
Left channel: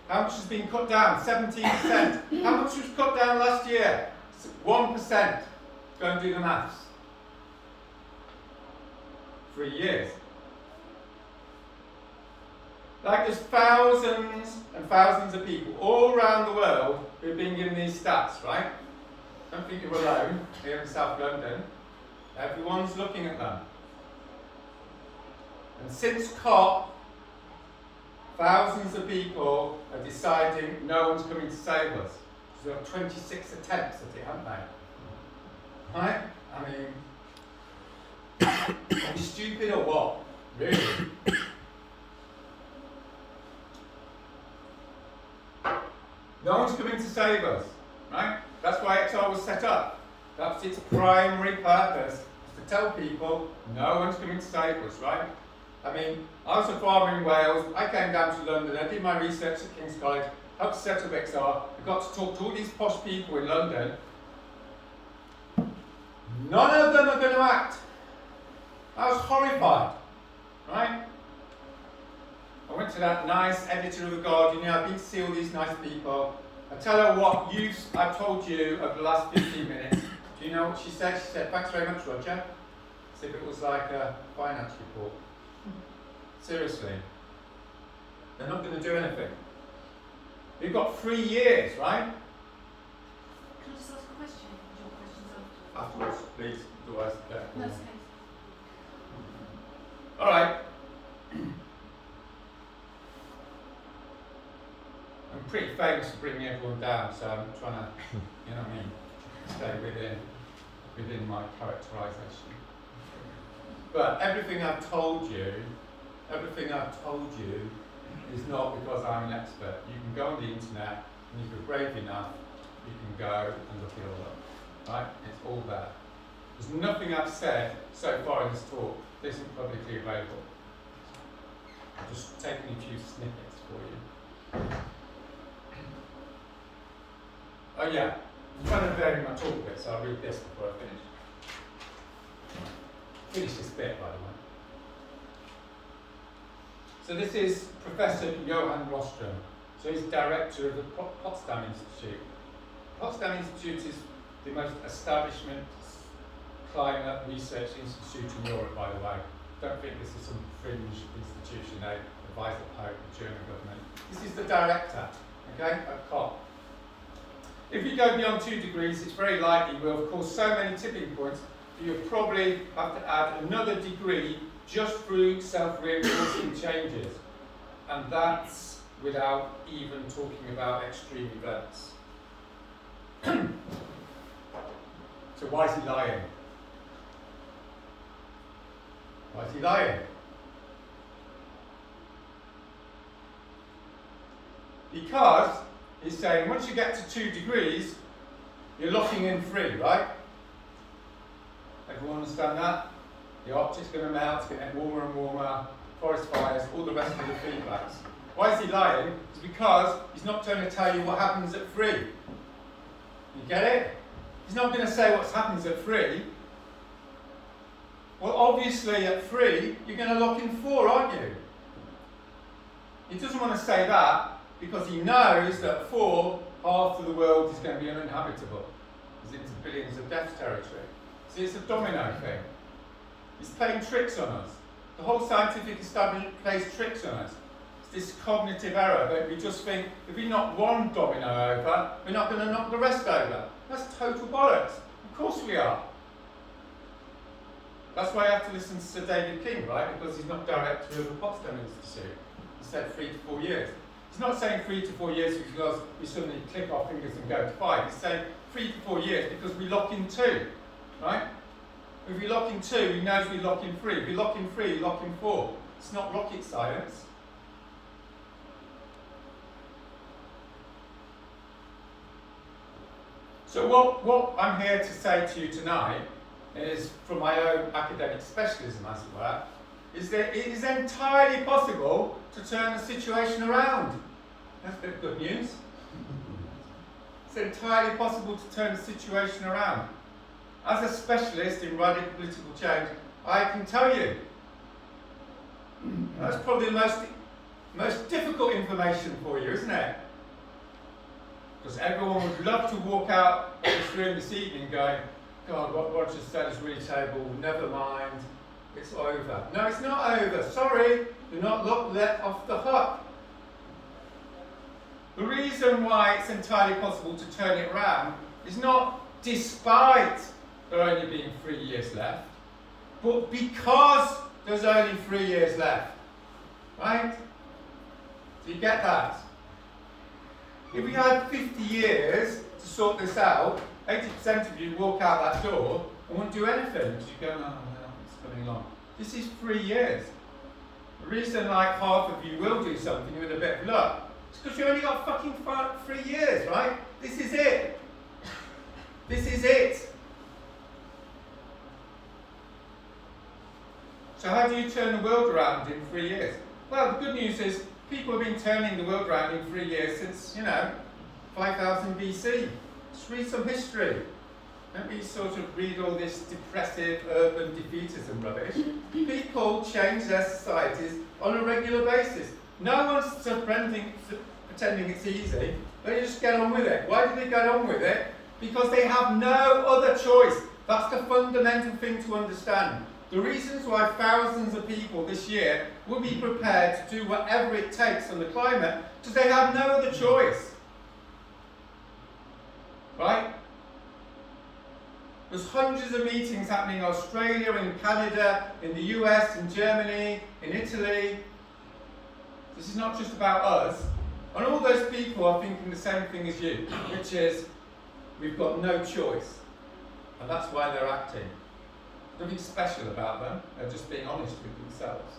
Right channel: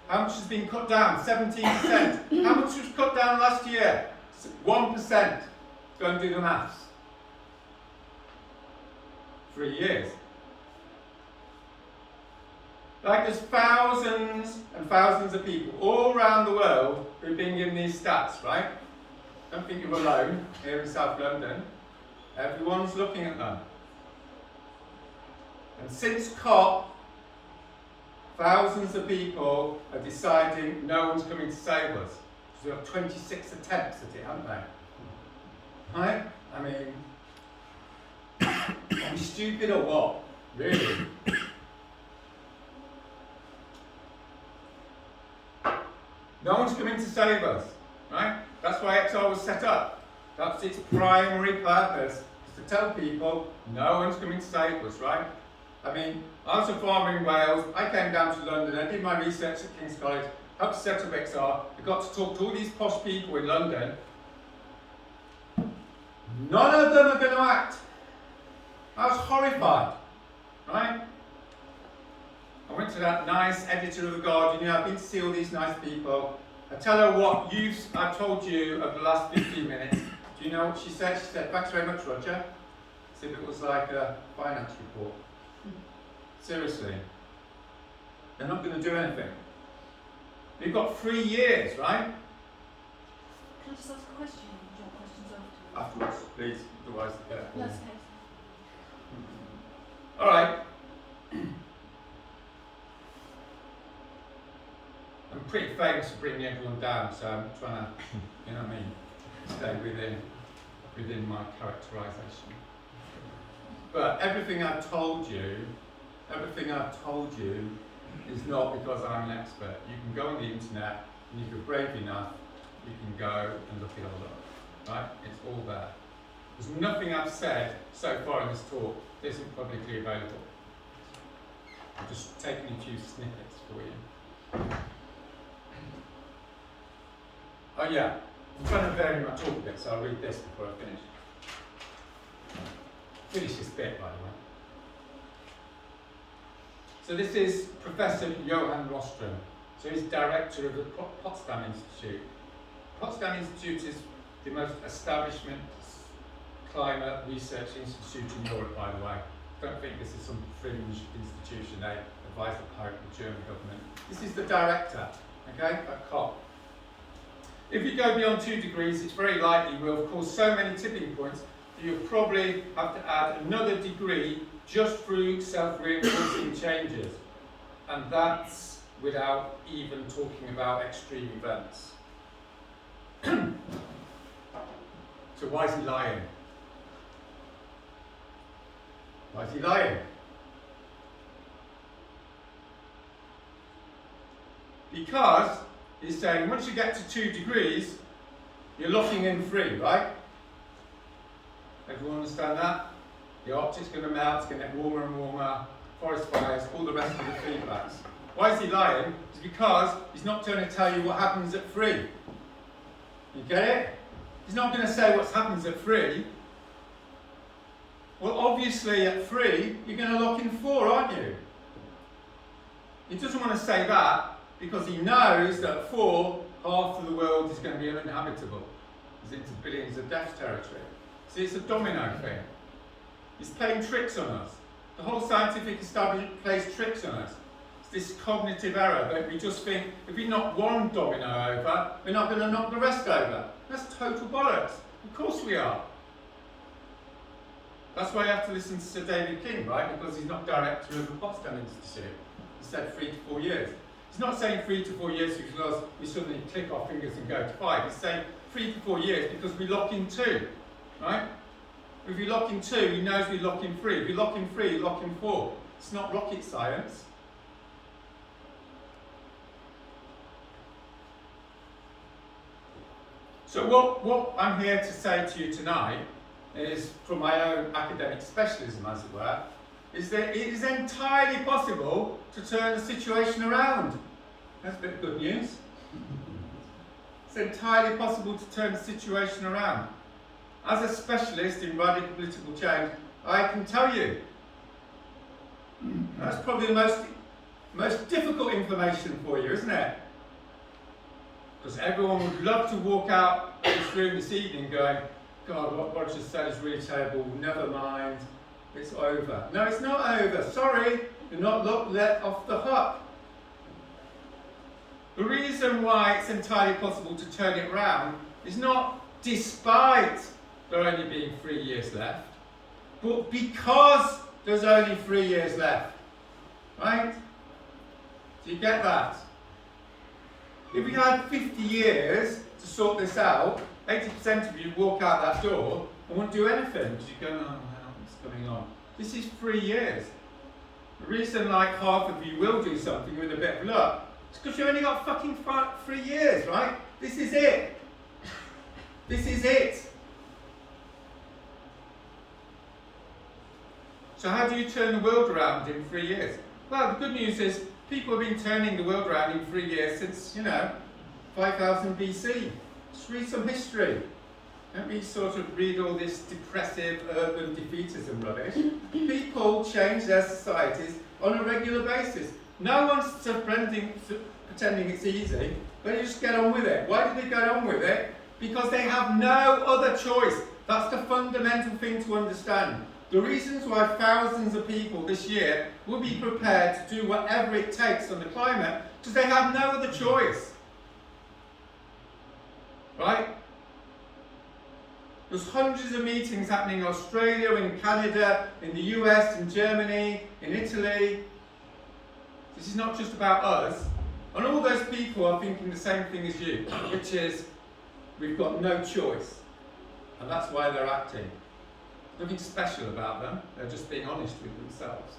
How much has been cut down? 17%. How much was cut down last year? 1%. Go and do the maths. 3 years. Like, there's thousands and thousands of people all around the world who've been given these stats, right? Don't think you're alone here in South London. Everyone's looking at them. And since COP, thousands of people are deciding no one's coming to save us. So we have 26 attempts at it, haven't they? Right? I mean, are we stupid or what? Really? No one's coming to save us, right? That's why XR was set up. That's its primary purpose, is to tell people no one's coming to save us, right? I mean, I was a farmer in Wales, I came down to London, I did my research at King's College, helped set up XR, I got to talk to all these posh people in London. None of them are going to act. I was horrified, right? I went to that nice editor of The Guardian, you know, I've been to see all these nice people. I tell her what I've told you over the last 15 minutes. Do you know what she said? She said, thanks very much, Roger. As if it was like a finance report. Seriously. They're not going to do anything. We've got 3 years, right? Can I just ask a question? Do you want questions Afterwards, please, otherwise be careful. No, it's okay. All right. I'm pretty famous for bringing everyone down, so I'm trying to, you know what I mean, stay within my characterisation. But everything I've told you is not because I'm an expert. You can go on the internet, and if you're brave enough, you can go and look it all up. Right? It's all there. There's nothing I've said so far in this talk that isn't publicly available. I'm just taking a few snippets for you. Oh yeah, I'm trying to vary my talk a bit, so I'll read this before I finish. Finish this bit, by the way. So this is Professor Johan Rostrom. So he's director of the Potsdam Institute. Potsdam Institute is the most establishment climate research institute in Europe, by the way. Don't think this is some fringe institution. They advise the Pope, the German government. This is the director, okay, at COP. If you go beyond 2 degrees, it's very likely we'll cause so many tipping points that you'll probably have to add another degree just through self-reinforcing changes. And that's without even talking about extreme events. So why is he lying? Why is he lying? Because he's saying once you get to 2 degrees, you're locking in 3, right? Everyone understand that? The Arctic's going to melt, it's going to get warmer and warmer, forest fires, all the rest of the feedbacks. Why is he lying? It's because he's not going to tell you what happens at 3. You get it? He's not going to say what happens at 3. Well, obviously at 3, you're going to lock in 4, aren't you? He doesn't want to say that because he knows that at 4, half of the world is going to be uninhabitable. He's into billions of death territory. See, it's a domino thing. He's playing tricks on us. The whole scientific establishment plays tricks on us. It's this cognitive error that we just think if we knock one domino over, we're not going to knock the rest over. That's total bollocks. Of course we are. That's why I have to listen to Sir David King, right? Because he's not director of the Potsdam Institute. He said 3 to 4 years. He's not saying 3 to 4 years because we suddenly click our fingers and go to 5. He's saying 3 to 4 years because we lock in 2, right? If we lock in 2, he knows we lock in 3. If we lock in 3, we lock in 4. It's not rocket science. So what I'm here to say to you tonight is, from my own academic specialism, as it were, is that it is entirely possible to turn the situation around. That's a bit of good news. It's entirely possible to turn the situation around. As a specialist in radical political change, I can tell you that's probably the most difficult information for you, isn't it? Because everyone would love to walk out of this room this evening going, God, what Roger said is really terrible, never mind, it's over. No, it's not over. Sorry, you're not let off the hook. The reason why it's entirely possible to turn it around is not despite there only being 3 years left, but because there's only 3 years left. Right? Do you get that? If we had 50 years to sort this out, 80% of you walk out that door and won't do anything because you go, oh, well, it's coming on. This is 3 years. The reason like half of you will do something with a bit of luck is because you only got fucking 3 years, right? This is it. This is it. So how do you turn the world around in 3 years? Well, the good news is people have been turning the world around in 3 years since, 5000 BC. Just read some history. Don't be sort of read all this depressive urban defeatism rubbish. People change their societies on a regular basis. No one's pretending it's easy. They just get on with it. Why do they get on with it? Because they have no other choice. That's the fundamental thing to understand. The reasons why thousands of people this year will be prepared to do whatever it takes on the climate, because they have no other choice. Right? There's hundreds of meetings happening in Australia, in Canada, in the US, in Germany, in Italy. This is not just about us. And all those people are thinking the same thing as you, which is, we've got no choice. And that's why they're acting. Nothing special about them, they're just being honest with themselves.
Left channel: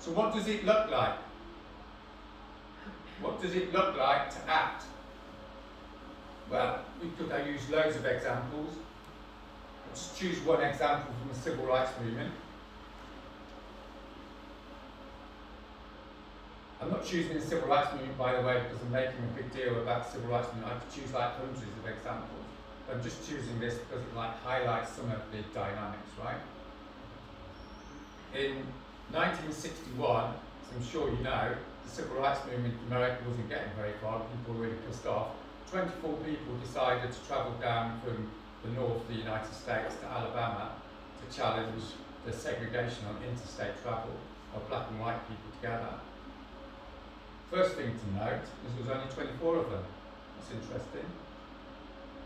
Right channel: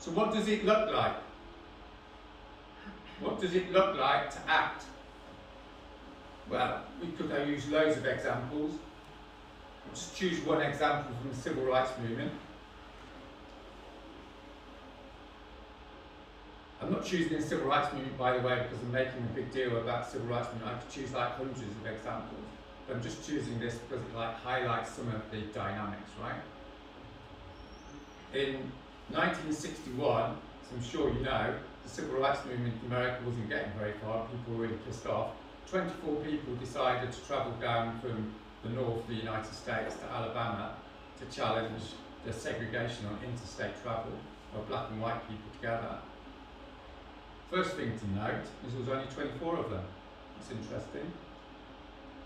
So what does it look like? What does it look like to act? Well, we could use loads of examples. I'll just choose one example from the civil rights movement. A I'm not choosing the civil rights movement, by the way, because I'm making a big deal about the civil rights movement. I could choose like hundreds of examples. But I'm just choosing this because it like highlights some of the dynamics, right? In 1961, as I'm sure you know, the civil rights movement in America wasn't getting very far. People were really pissed off. 24 people decided to travel down from the north of the United States to Alabama to challenge the segregation on interstate travel of black and white people together. First thing to note is there was only 24 of them. That's interesting.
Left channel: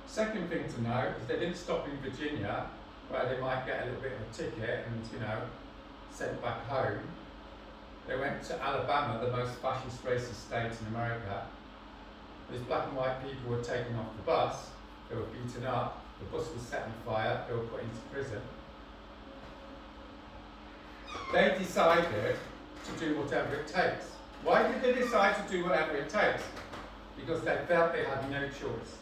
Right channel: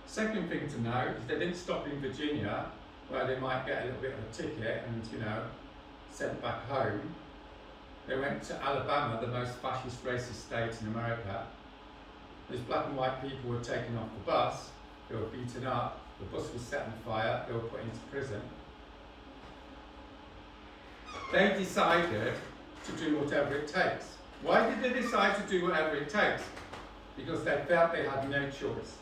Second thing to note is they didn't stop in Virginia, where they might get a little bit of a ticket and, you know, sent back home. They went to Alabama, the most fascist, racist state in America. These black and white people were taken off the bus, they were beaten up, the bus was set on fire, they were put into prison. They decided to do whatever it takes. Why did they decide to do whatever it takes? Because they felt they had no choice.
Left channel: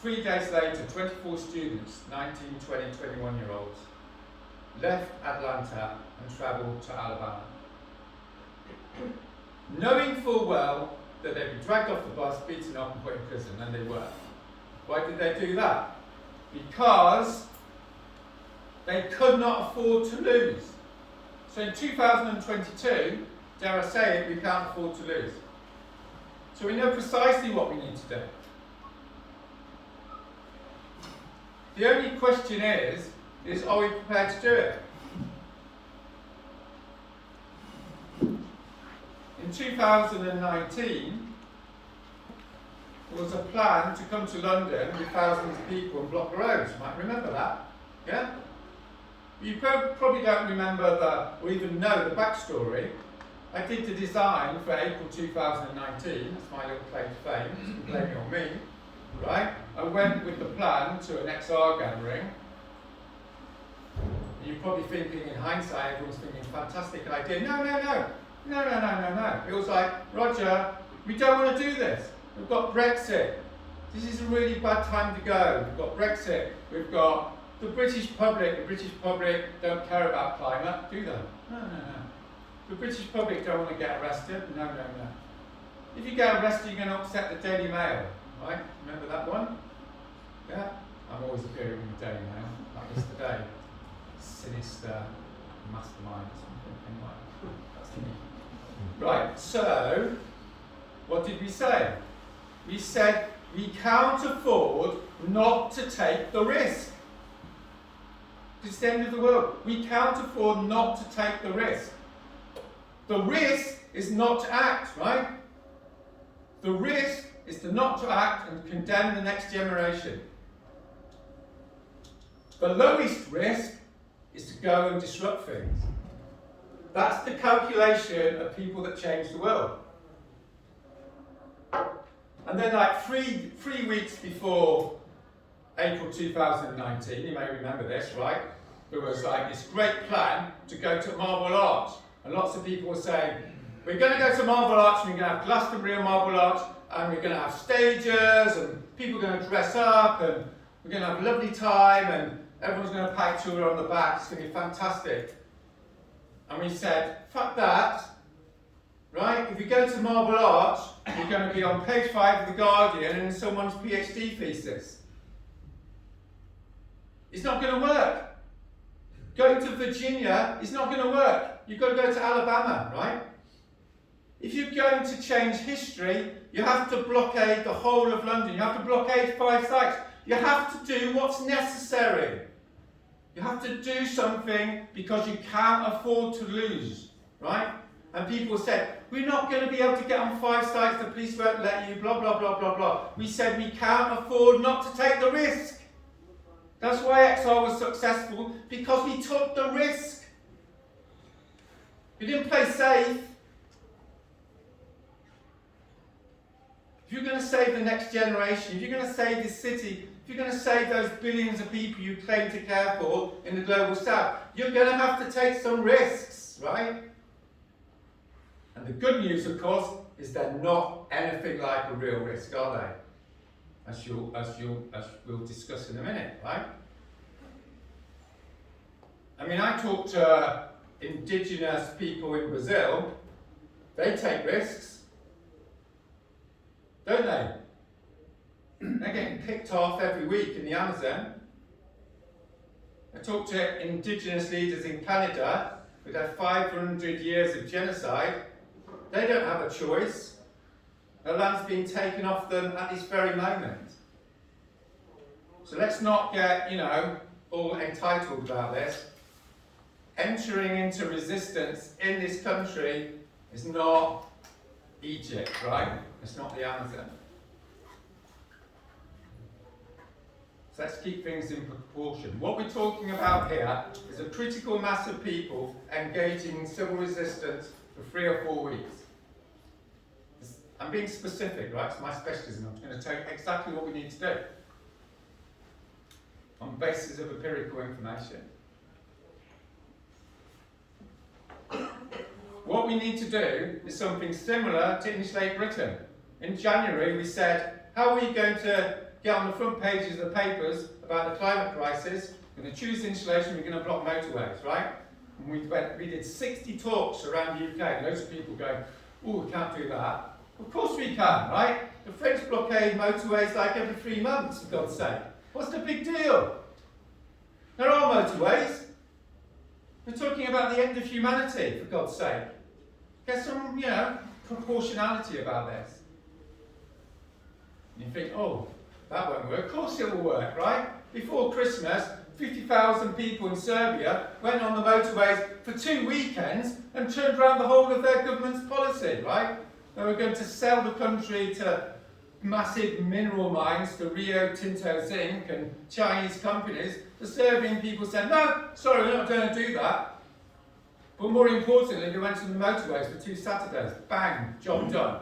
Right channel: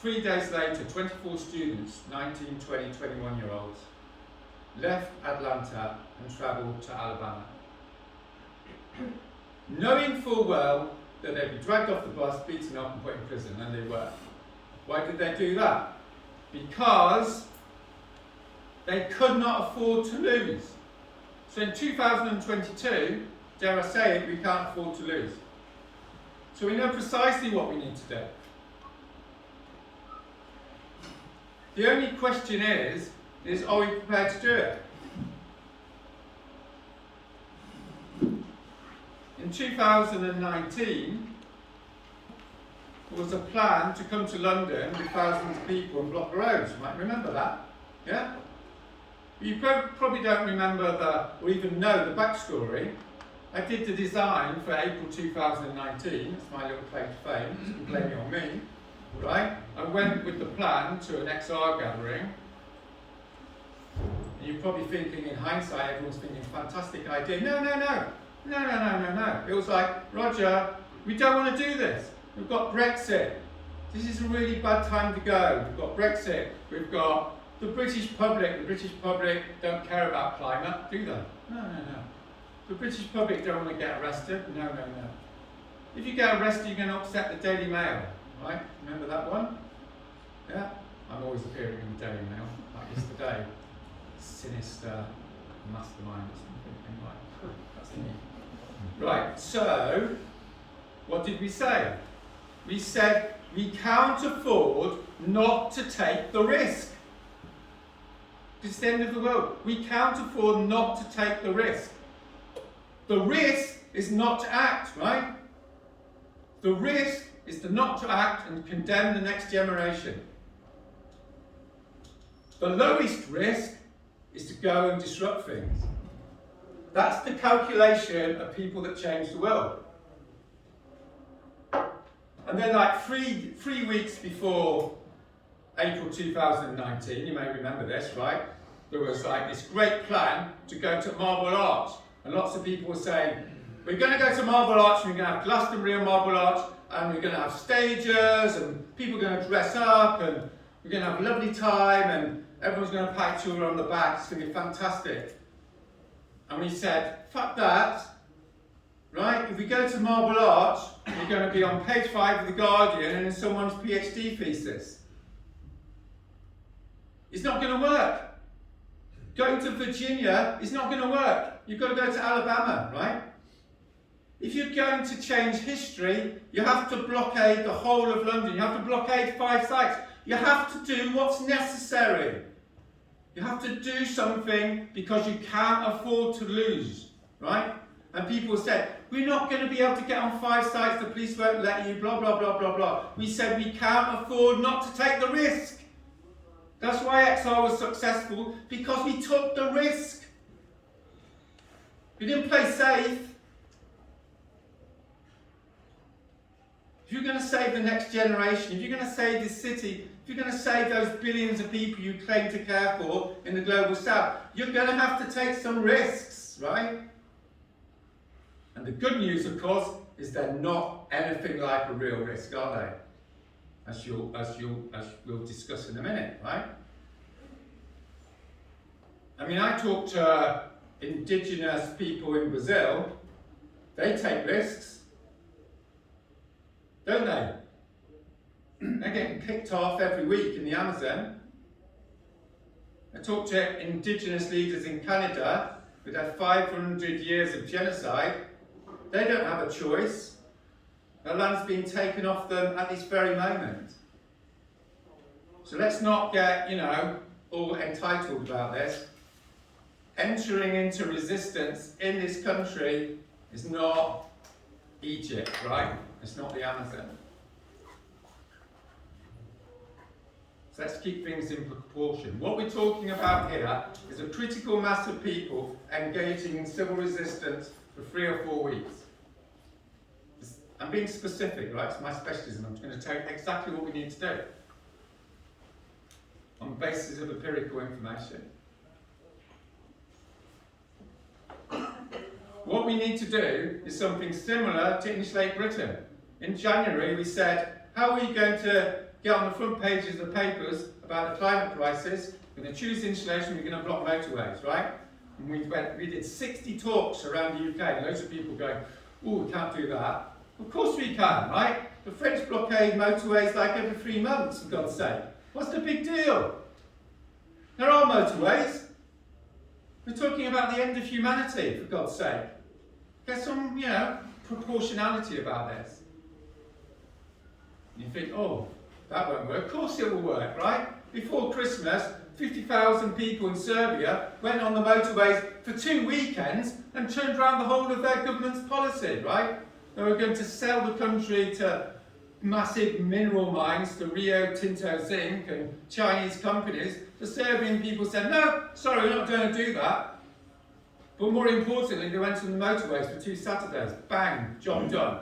3 days later, 24 students, 19, 20, 21-year-olds, left Atlanta and travelled to Alabama, knowing full well that they'd be dragged off the bus, beaten up and put in prison, and they were. Why did they do that? Because they could not afford to lose. So in 2022, dare I say it, we can't afford to lose. So we know precisely what we need to do. The only question is are we prepared to do it? In 2019, there was a plan to come to London with thousands of people and block the roads. You might remember that, yeah? You probably don't remember or even know the backstory. I did the design for April 2019, that's my little claim to fame, you can blame it on me, right? I went with the plan to an XR gathering. And you're probably thinking, in hindsight, everyone's thinking, fantastic idea. No. It was like, Roger, we don't want to do this. We've got Brexit. This is a really bad time to go. We've got Brexit. We've got the British public. The British public don't care about climate, do they? No. The British public don't want to get arrested. No. If you get arrested, you're going to upset the Daily Mail, right? Remember that one? Yeah? I'm always appearing in the Daily Mail, like yesterday. Sinister mastermind or something. Anyway, that's me. Right, so what did we say? We said we can't afford not to take the risk. It's the end of the world. We can't afford not to take the risk. The risk is not to act, right? The risk is to not to act and condemn the next generation. The lowest risk is to go and disrupt things. That's the calculation of people that change the world. And then like three weeks before April 2019, you may remember this, right? There was like this great plan to go to Marble Arch. And lots of people were saying, we're going to go to Marble Arch, and we're going to have Glastonbury and Marble Arch, and we're going to have stages, and people are going to dress up, and we're going to have a lovely time, and everyone's going to pat each other on the back. It's going to be fantastic. And we said, fuck that, right? If we go to Marble Arch, we're going to be on page 5 of The Guardian and in someone's PhD thesis. It's not going to work. Going to Virginia is not going to work. You've got to go to Alabama, right? If you're going to change history, you have to blockade the whole of London. You have to blockade 5 sites. You have to do what's necessary. You have to do something because you can't afford to lose, right? And people said, we're not going to be able to get on 5 sites, the police won't let you, blah, blah, blah, blah, blah. We said we can't afford not to take the risk. That's why XR was successful, because we took the risk. We didn't play safe. If you're going to save the next generation, if you're going to save this city, if you're going to save those billions of people you claim to care for in the global south, you're going to have to take some risks, right? And the good news, of course, is they're not anything like a real risk, are they? As we'll discuss in a minute, right? I mean, I talked to indigenous people in Brazil, They take risks, don't they? They're getting picked off every week in the Amazon. I talked to indigenous leaders in Canada with their 500 years of genocide. They don't have a choice. Their land's being taken off them at this very moment. So let's not get, all entitled about this. Entering into resistance in this country is not Egypt, right? It's not the Amazon. So let's keep things in proportion. What we're talking about here is a critical mass of people engaging in civil resistance for 3 or 4 weeks. I'm being specific, right? It's my specialism. I'm going to tell you exactly what we need to do on the basis of empirical information. What we need to do is something similar to Insulate Britain. In January, we said, how are we going to get on the front pages of the papers about the climate crisis? We're going to choose insulation, we're going to block motorways, right? And we did 60 talks around the UK, and loads of people going, oh, we can't do that. Of course we can, right? The French blockade motorways like every 3 months, for God's sake. What's the big deal? There are motorways. We're talking about the end of humanity, for God's sake. Get some, proportionality about this. And you think, oh, that won't work. Of course it will work, right? Before Christmas, 50,000 people in Serbia went on the motorways for 2 weekends and turned around the whole of their government's policy, right? They were going to sell the country to massive mineral mines, to Rio Tinto Zinc and Chinese companies. The Serbian people said, no, sorry, we're not going to do that. But more importantly, they went on the motorways for 2 Saturdays. Bang, job done.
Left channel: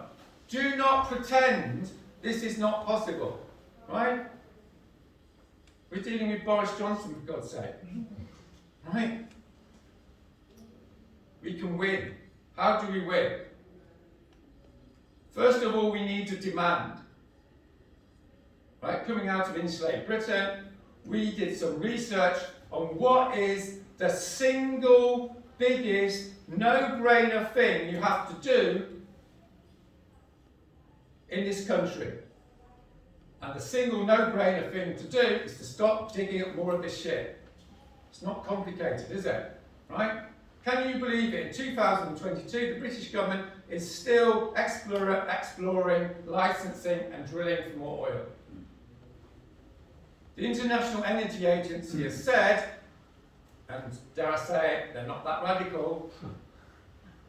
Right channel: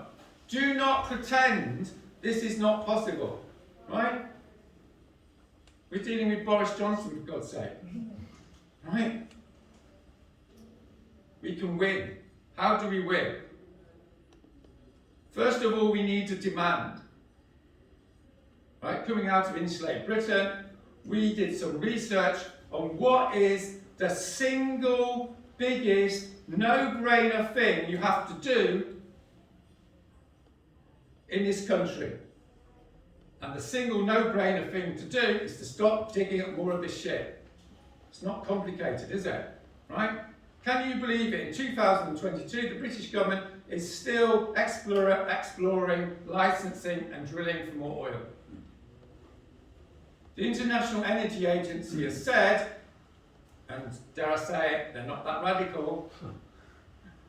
Do not pretend this is not possible, right? We're dealing with Boris Johnson, for God's sake, right? We can win. How do we win? First of all, we need a demand. Right, coming out of Insulate Britain, we did some research on what is the single biggest no-brainer thing you have to do in this country. And the single no-brainer thing to do is to stop digging up more of this shit. It's not complicated, is it? Right? Can you believe it? In 2022, the British government is still exploring, licensing and drilling for more oil. The International Energy Agency has said, and dare I say it, they're not that radical,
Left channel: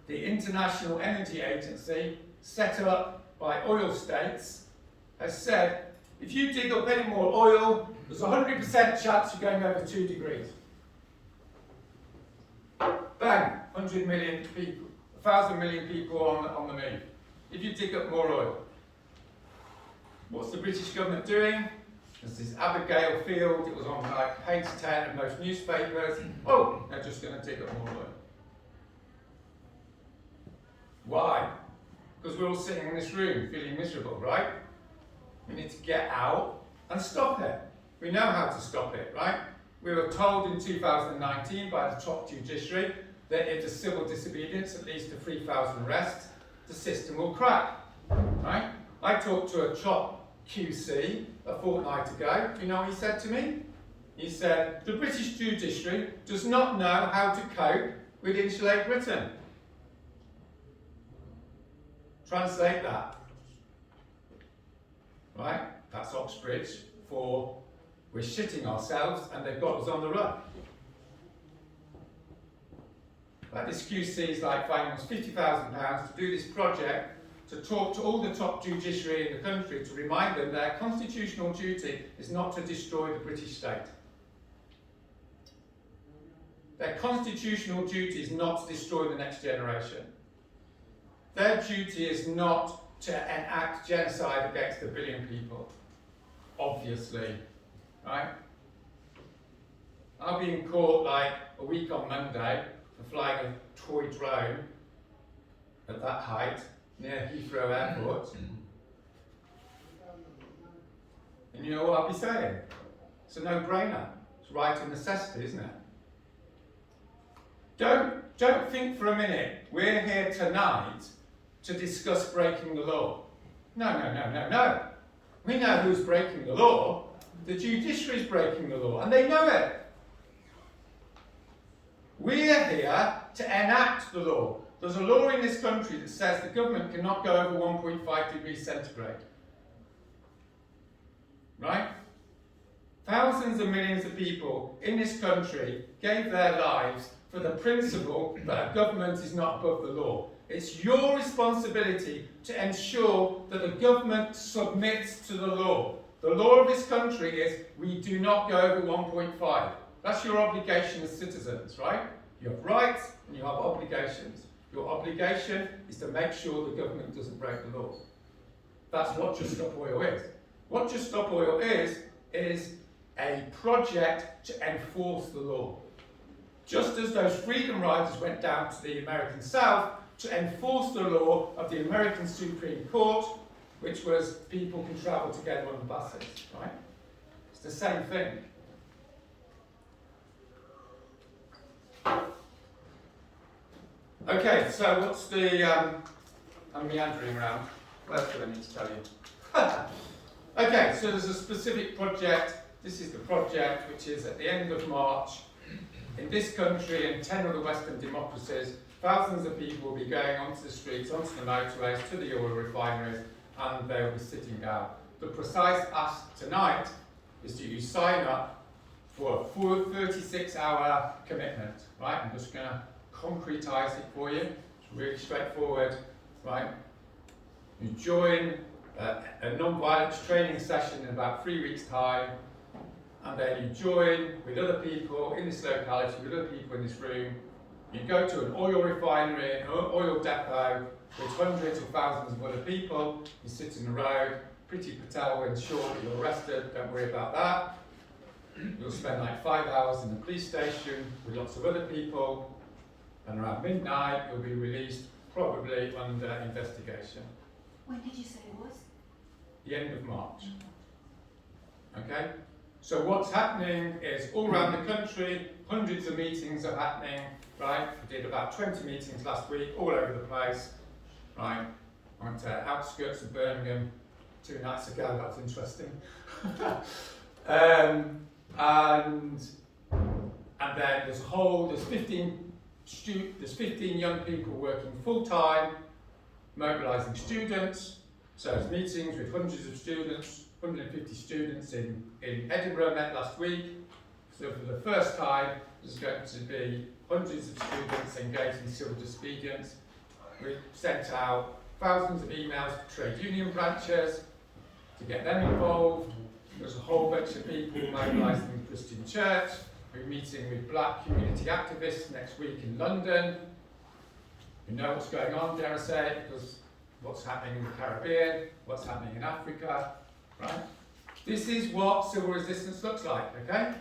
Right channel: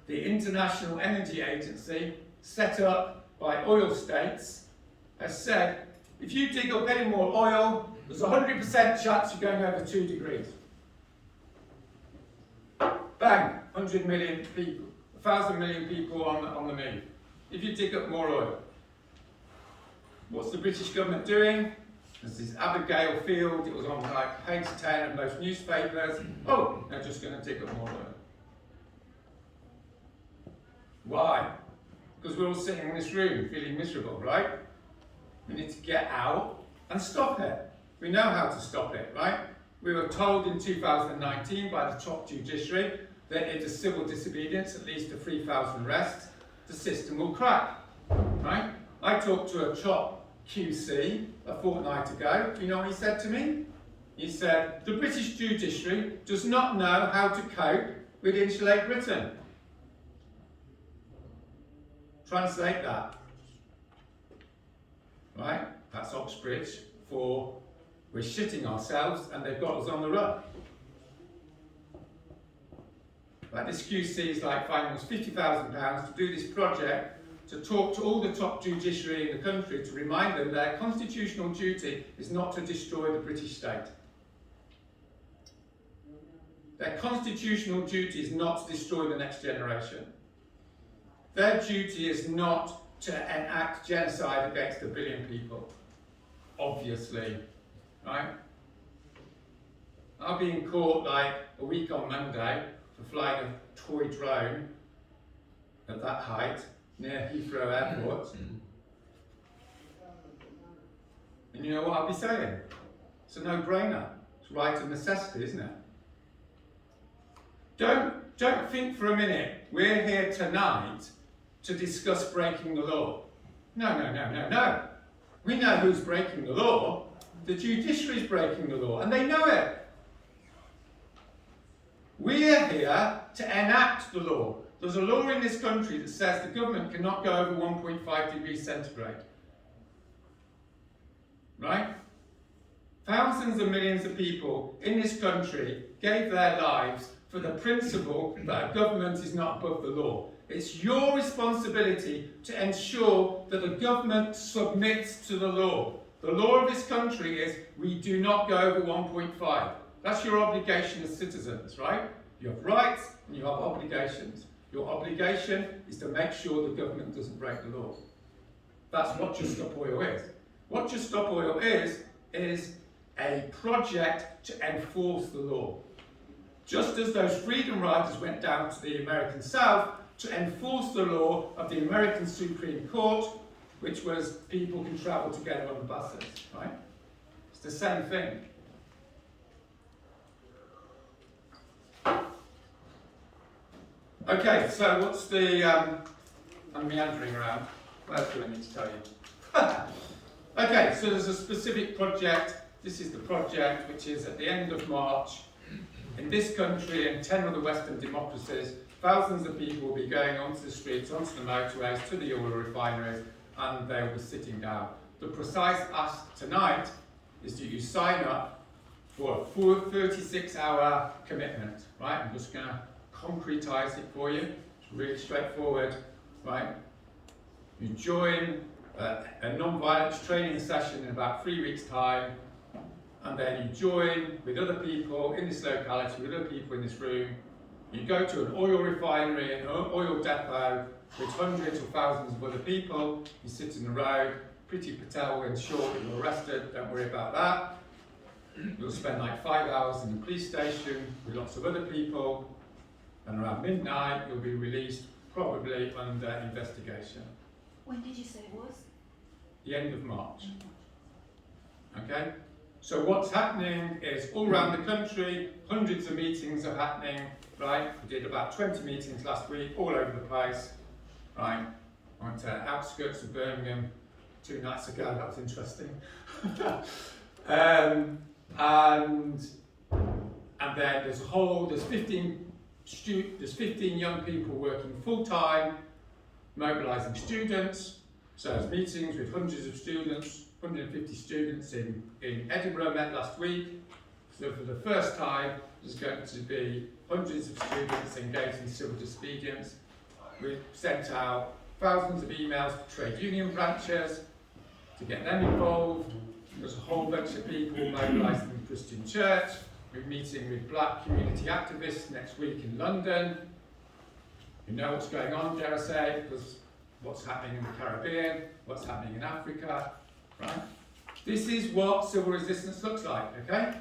the International Energy Agency, set up by oil states, has said, if you dig up any more oil, there's a 100% chance you're going over 2 degrees. Bang, 100 million people, 1,000 million people on the move. If you dig up more oil. What's the British government doing? There's this Abigail Field, it was on like page 10 of most newspapers. Oh, they're just going to dig up more oil. Why? Because we're all sitting in this room feeling miserable, right? We need to get out and stop it. We know how to stop it, right? We were told in 2019 by the top judiciary that if there's civil disobedience, at least to 3,000 arrests, the system will crack, right? I talked to a top QC a fortnight ago. You know what he said to me? He said, the British judiciary does not know how to cope with Insulate Britain. Translate that. Right? That's Oxbridge for we're shitting ourselves and they've got us on the run. Like this QC is like finding us £50,000 to do this project, to talk to all the top judiciary in the country to remind them their constitutional duty is not to destroy the British state. Their constitutional duty is not to destroy the next generation. Their duty is not to enact genocide against 1 billion people, obviously, right? I'll be in court like a week on Monday for flying a toy drone at that height near Heathrow Airport. And you know what I'll be saying? It's a no-brainer. It's right of necessity, isn't it? Don't think for a minute we're here tonight to discuss breaking the law. No, no, no, no, no. We know who's breaking the law. The judiciary is breaking the law, and they know it. We're here to enact the law. There's a law in this country that says the government cannot go over 1.5 degrees centigrade. Right? Thousands of millions of people in this country gave their lives for the principle that a government is not above the law. It's your responsibility to ensure that the government submits to the law. The law of this country is we do not go over 1.5. That's your obligation as citizens, right? You have rights and you have obligations. Your obligation is to make sure the government doesn't break the law. That's what Just Stop Oil is. What Just Stop Oil is a project to enforce the law. Just as those freedom riders went down to the American South to enforce the law of the American Supreme Court, which was people can travel together on the buses, right? It's the same thing. Okay, so what's the, I'm meandering around. What else do I need to tell you? Okay, so there's a specific project. This is the project which is at the end of March. In this country and 10 of the Western democracies, thousands of people will be going onto the streets, onto the motorways, to the oil refineries, and they will be sitting down. The precise ask tonight is that you sign up for a full 36-hour commitment, right? I'm just going to concretise it for you. It's really straightforward, right? You join a non-violence training session in about 3 weeks' time, and then you join with other people in this locality, with other people in this room. You go to an oil refinery, an oil depot with hundreds or thousands of other people. You sit in the road. Priti Patel will ensure that you're arrested. Don't worry about that. You'll spend like 5 hours in the police station with lots of other people. And around midnight, you'll be released, probably under investigation. When did you say it was? The end of March. Okay? So what's happening is all around the country, hundreds of meetings are happening, right? We did about 20 meetings last week, all over the place, right? I went to outskirts of Birmingham 2 nights ago, that was interesting. And then there's 15 young people working full time, mobilising students. So it's meetings with hundreds of students, 150 students in Edinburgh met last week. So for the first time, there's going to be hundreds of students engaged in civil disobedience. We've sent out thousands of emails to trade union branches to get them involved. There's a whole bunch of people mobilising in Christian Church. We're meeting with black community activists next week in London. You know what's going on, dare I say, because what's happening in the Caribbean, what's happening in Africa, right? This is what civil resistance looks like, okay?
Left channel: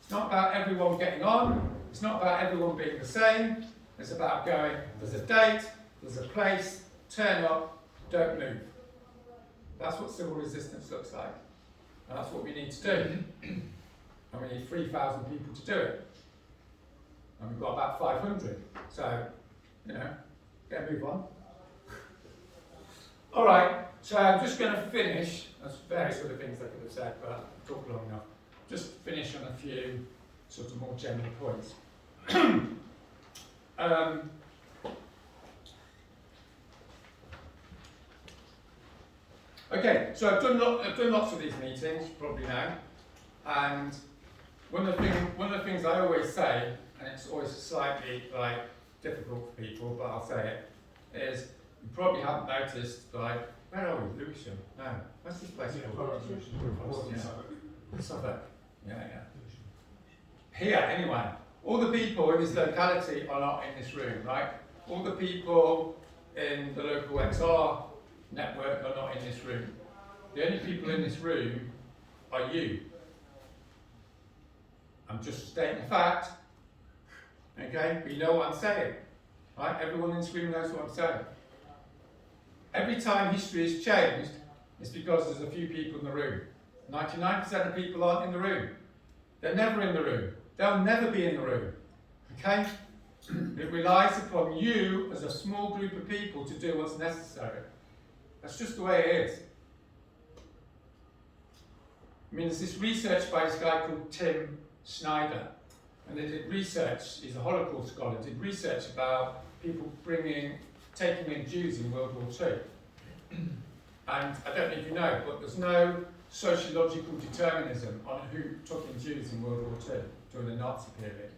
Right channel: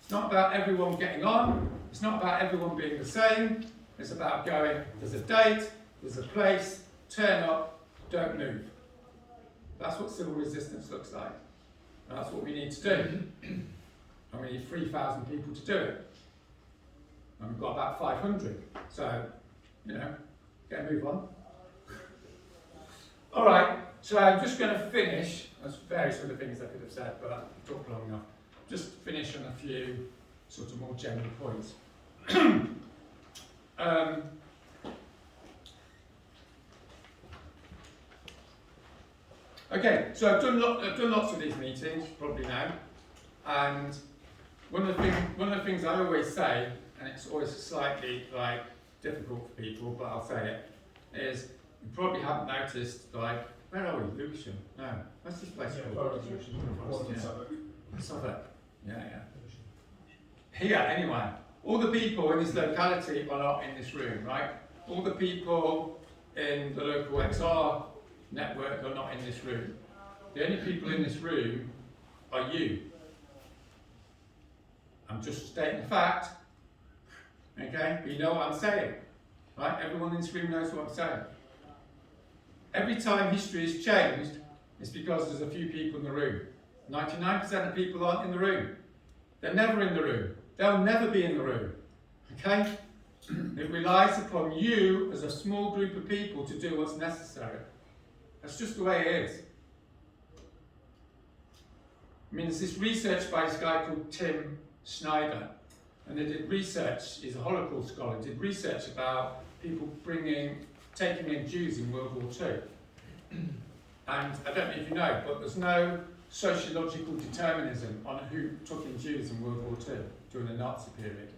It's not about everyone getting on. It's not about everyone being the same. It's about going, there's a date, there's a place, turn up, don't move. That's what civil resistance looks like. And that's what we need to do. And we need 3,000 people to do it. And we've got about 500. So, you know, get a move on. All right, so I'm just going to finish. There's various other things I could have said, but I've talked long enough. Just finish on a few sort of more general points. Okay, so I've done lots of these meetings, you probably know, and one of the things I always say, and it's always slightly like difficult for people, but I'll say it, is you probably haven't noticed, like, where are we? Lewisham? No, what's this place called? Suffolk. Yeah. Here, anyway, all the people in this locality are not in this room, right? All the people in the local XR network are not in this room. The only people in this room are you. I'm just stating the fact, okay? But you know what I'm saying, right? Everyone in this room knows what I'm saying. Every time history has changed, it's because there's a few people in the room. 99% of people aren't in the room. They're never in the room. They'll never be in the room, okay? It relies upon you as a small group of people to do what's necessary. That's just the way it is. I mean, there's this research by this guy called Tim Snyder, and they did research, he's a Holocaust scholar, did research about people taking in Jews in World War II. And I don't know if you know, but there's no sociological determinism on who took in Jews in World War II during the Nazi period,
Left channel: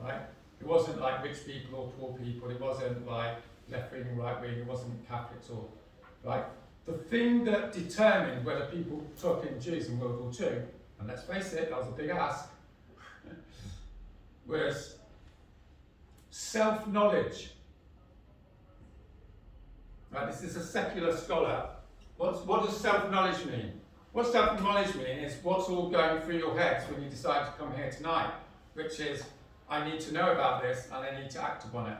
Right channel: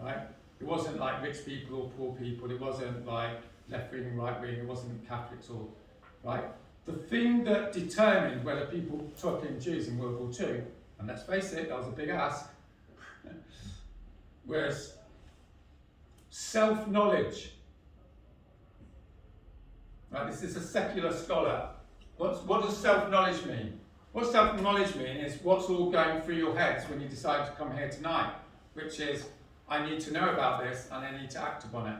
right? It wasn't like rich people or poor people, it wasn't like left wing, right wing, it wasn't Catholics or, right? The thing that determined whether people took in Jews in World War II, and let's face it, that was a big ask, was self-knowledge. Right, this is a secular scholar. What does self-knowledge mean? What self-knowledge mean is what's all going through your heads when you decide to come here tonight, which is, I need to know about this and I need to act upon it.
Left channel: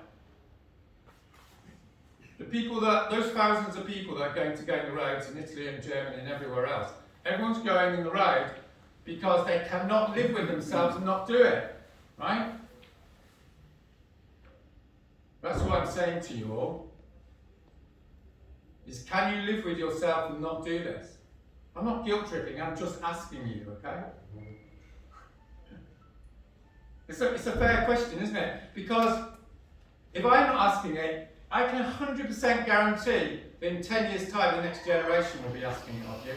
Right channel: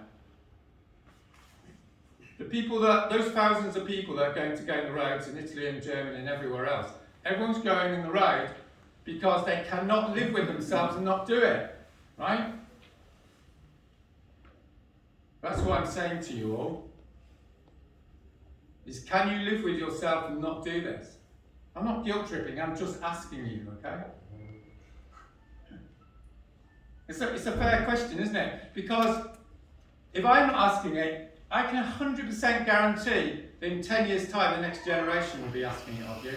Those thousands of people that are going to go in the roads in Italy and Germany and everywhere else, everyone's going in the road because they cannot live with themselves and not do it, right? That's what I'm saying to you all, is can you live with yourself and not do this? I'm not guilt tripping, I'm just asking you, okay? It's a fair question, isn't it? Because if I'm not asking it, I can 100% guarantee that in 10 years' time, the next generation will be asking it of you.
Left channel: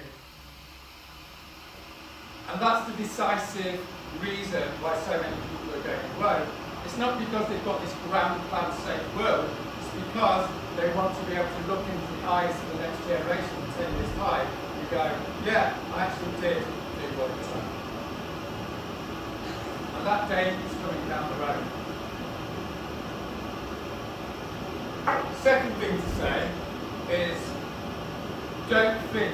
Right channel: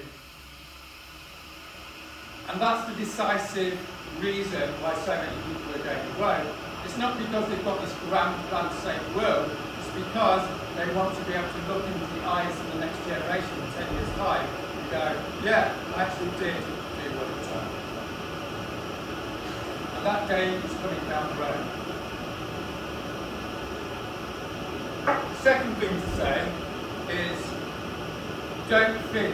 And that's the decisive reason why so many people are going the road. It's not because they've got this grand plan to save the world, it's because they want to be able to look into the eyes of the next generation in 10 years' time and go, yeah, I actually did do what it took. And that day is coming down the road. Second thing to say is, don't think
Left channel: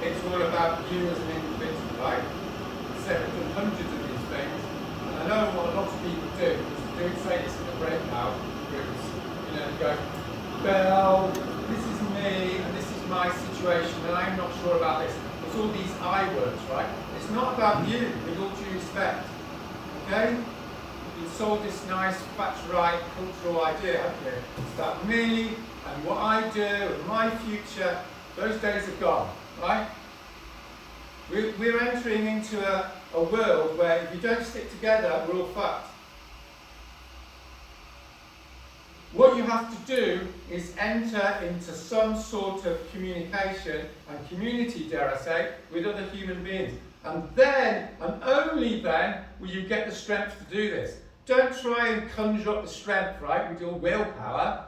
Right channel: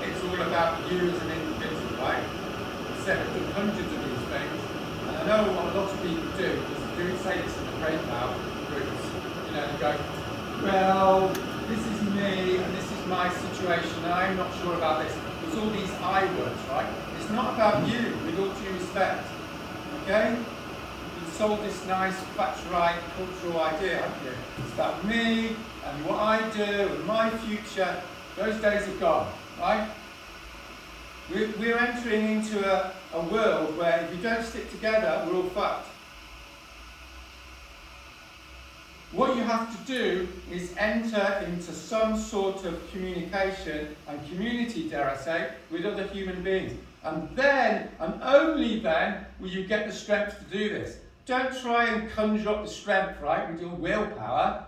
it's all about you as an individual, right? I said we've done hundreds of these things, and I know what a lot of people do, because say this in the breakout groups, go, well, this is me, and this is my situation, and I'm not sure about this. There's all these I words, right? It's not about you, with all due respect, okay? Sold this nice Thatcherite cultural idea, haven't you? It's about me and what I do and my future. Those days are gone, right? We're entering into a world where if you don't stick together, we're all fucked. What you have to do is enter into some sort of communication and community, dare I say, with other human beings. And then, and only then, will you get the strength to do this. Don't try and conjure up the strength, right, with your willpower.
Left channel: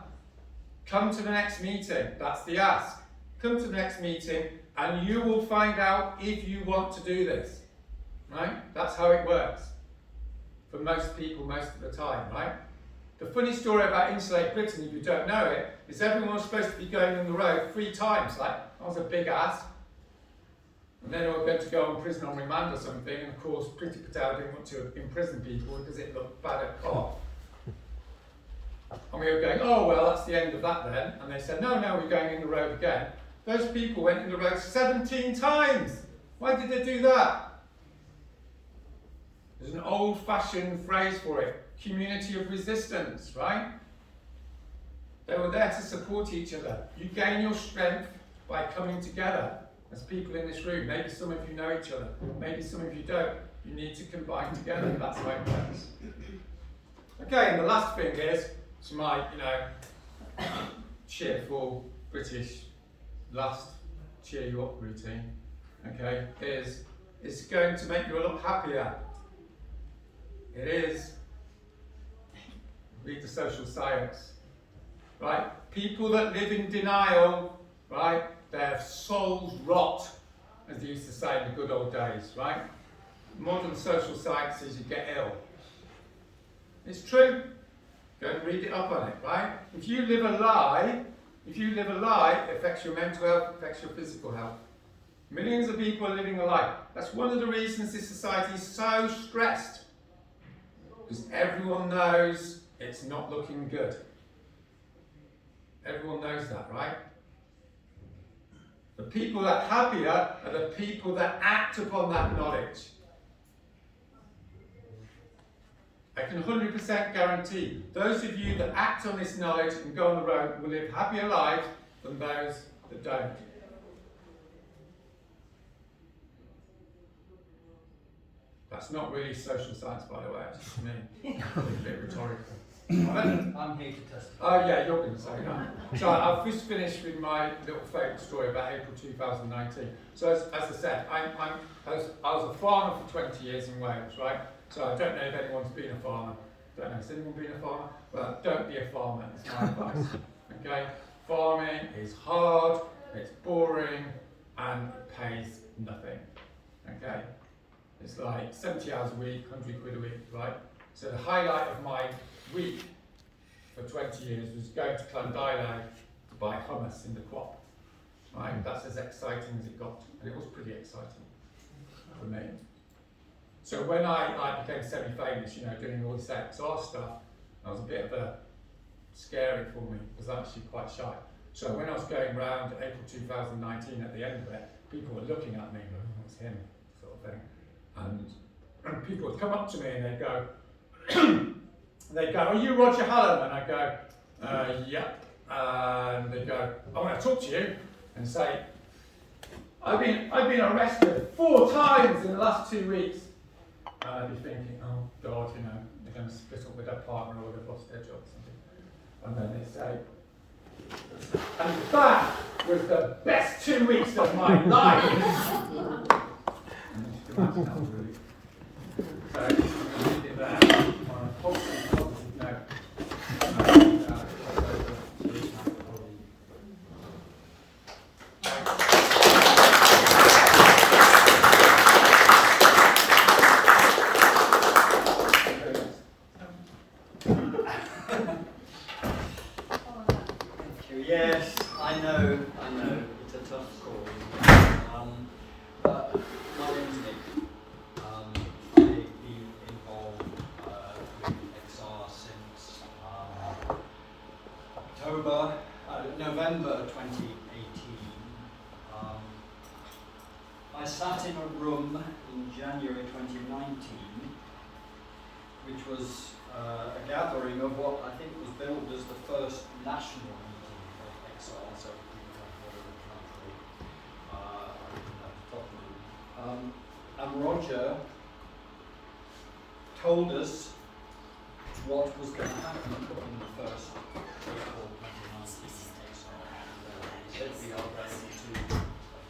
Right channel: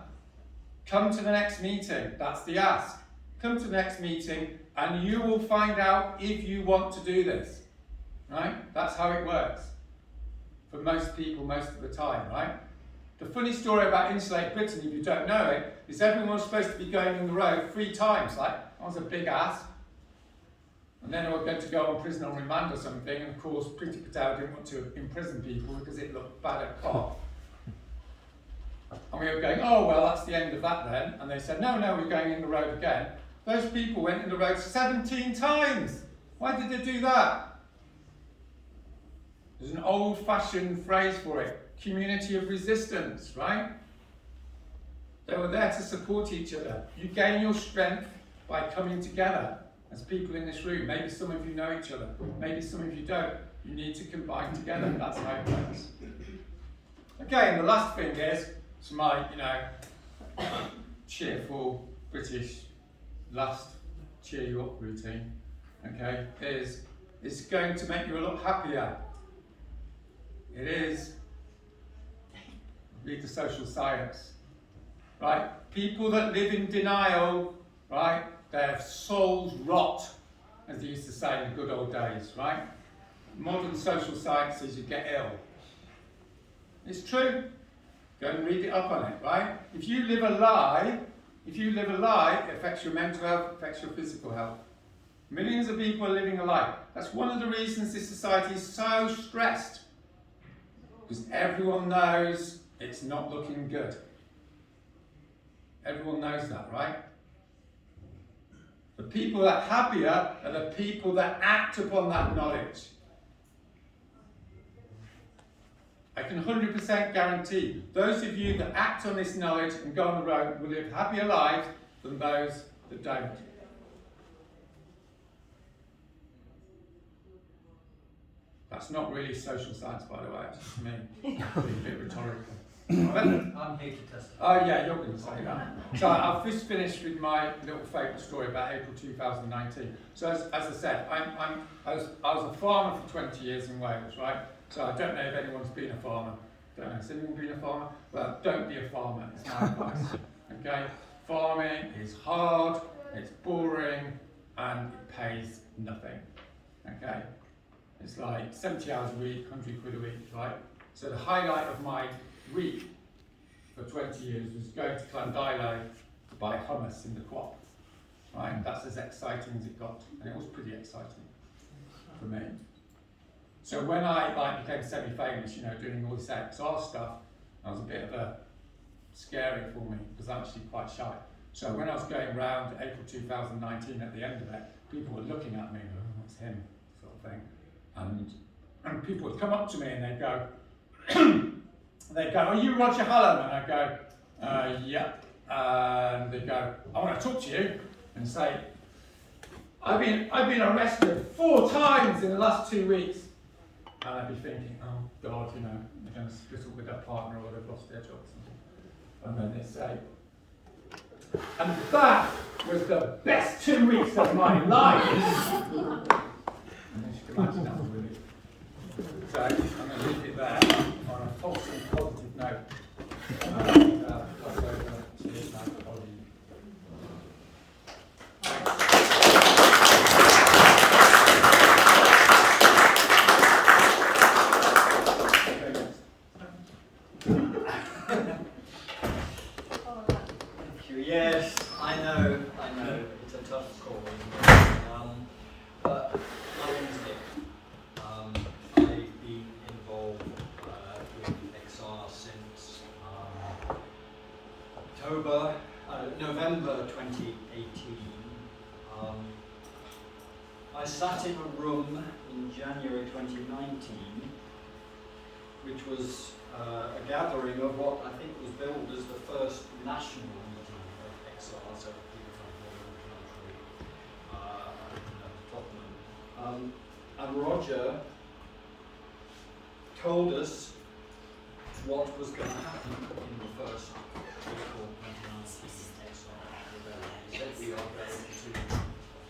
Come to the next meeting. That's the ask. Come to the next meeting and you will find out if you want to do this, right? That's how it works for most people most of the time, right? The funny story about Insulate Britain, if you don't know it, is everyone was supposed to be going on the road 3 times, like, that was a big ask. And then they were going to go on prison on remand or something, and of course Priti Patel didn't want to imprison people because it looked bad at cop. And we were going, oh well, that's the end of that then. And they said, no, we're going in the road again. Those people went in the road 17 times. Why did they do that? There's an old-fashioned phrase for it, community of resistance, right? They were there to support each other. You gain your strength by coming together. As people in this room, maybe some of you know each other, maybe some of you don't. You need to combine together, that's how it works. Okay, and the last thing is, it's my, cheerful British last cheer you up routine, okay, is it's going to make you a lot happier. It is. Read the social science, right? People that live in denial, right? Their souls rot, as they used to say in the good old days, right? Modern social science says you get ill. It's true. Go and read it up on it, right? If you live a lie, it affects your mental health, it affects your physical health. Millions of people are living a lie. That's one of the reasons this society is so stressed. Because everyone knows it's not looking good. Everyone knows that, right? The people that are happier are the people that act upon that knowledge. I can 100% guarantee those of you that act on this knowledge and go on the road will live happier lives than those that don't. That's not really social science, by the way, it's just me. A bit rhetorical. I'm here to testify. Oh yeah, you're going to say that. So I've just finished with my little favourite story about April 2019. So as I said, I was a farmer for 20 years in Wales, right? So I don't know if anyone's been a farmer. Don't know, has anyone been a farmer? But don't be a farmer, is my advice. Okay? Farming is hard, it's boring, and it pays nothing. Okay? It's like 70 hours a week, 100 quid a week, right? So the highlight of my week for 20 years was going to Llandilo to buy hummus in the co-op. Right? That's as exciting as it got, and it was pretty exciting for me. So when I became semi-famous, you know, doing all this XR stuff, that was a bit of a scary for me because I'm actually quite shy. So when I was going around April 2019 at the end of it, people were looking at me, oh, it's him, sort of thing. And people would come up to me and they'd go, are you Roger Hallam? And I go, yeah. And they go, I want to talk to you. And say, I've been arrested 4 times in the last 2 weeks. And I'd be thinking, oh God, you know, they're going to split up with their partner or they've lost their job or something. And then they say, and that was the best 2 weeks of my life. And you can imagine that was really. So I'm going to leave it there on a positive note. Yes, I know, it's a tough call, but my name is Nick. I've been involved with XR since November 2018. I sat in a room in January 2019, which was a gathering of what I think was billed as the first national meeting of XR, so people like all over the country, and Roger told us what was going to happen in the first April 2019 XR rebellion. He said we are going to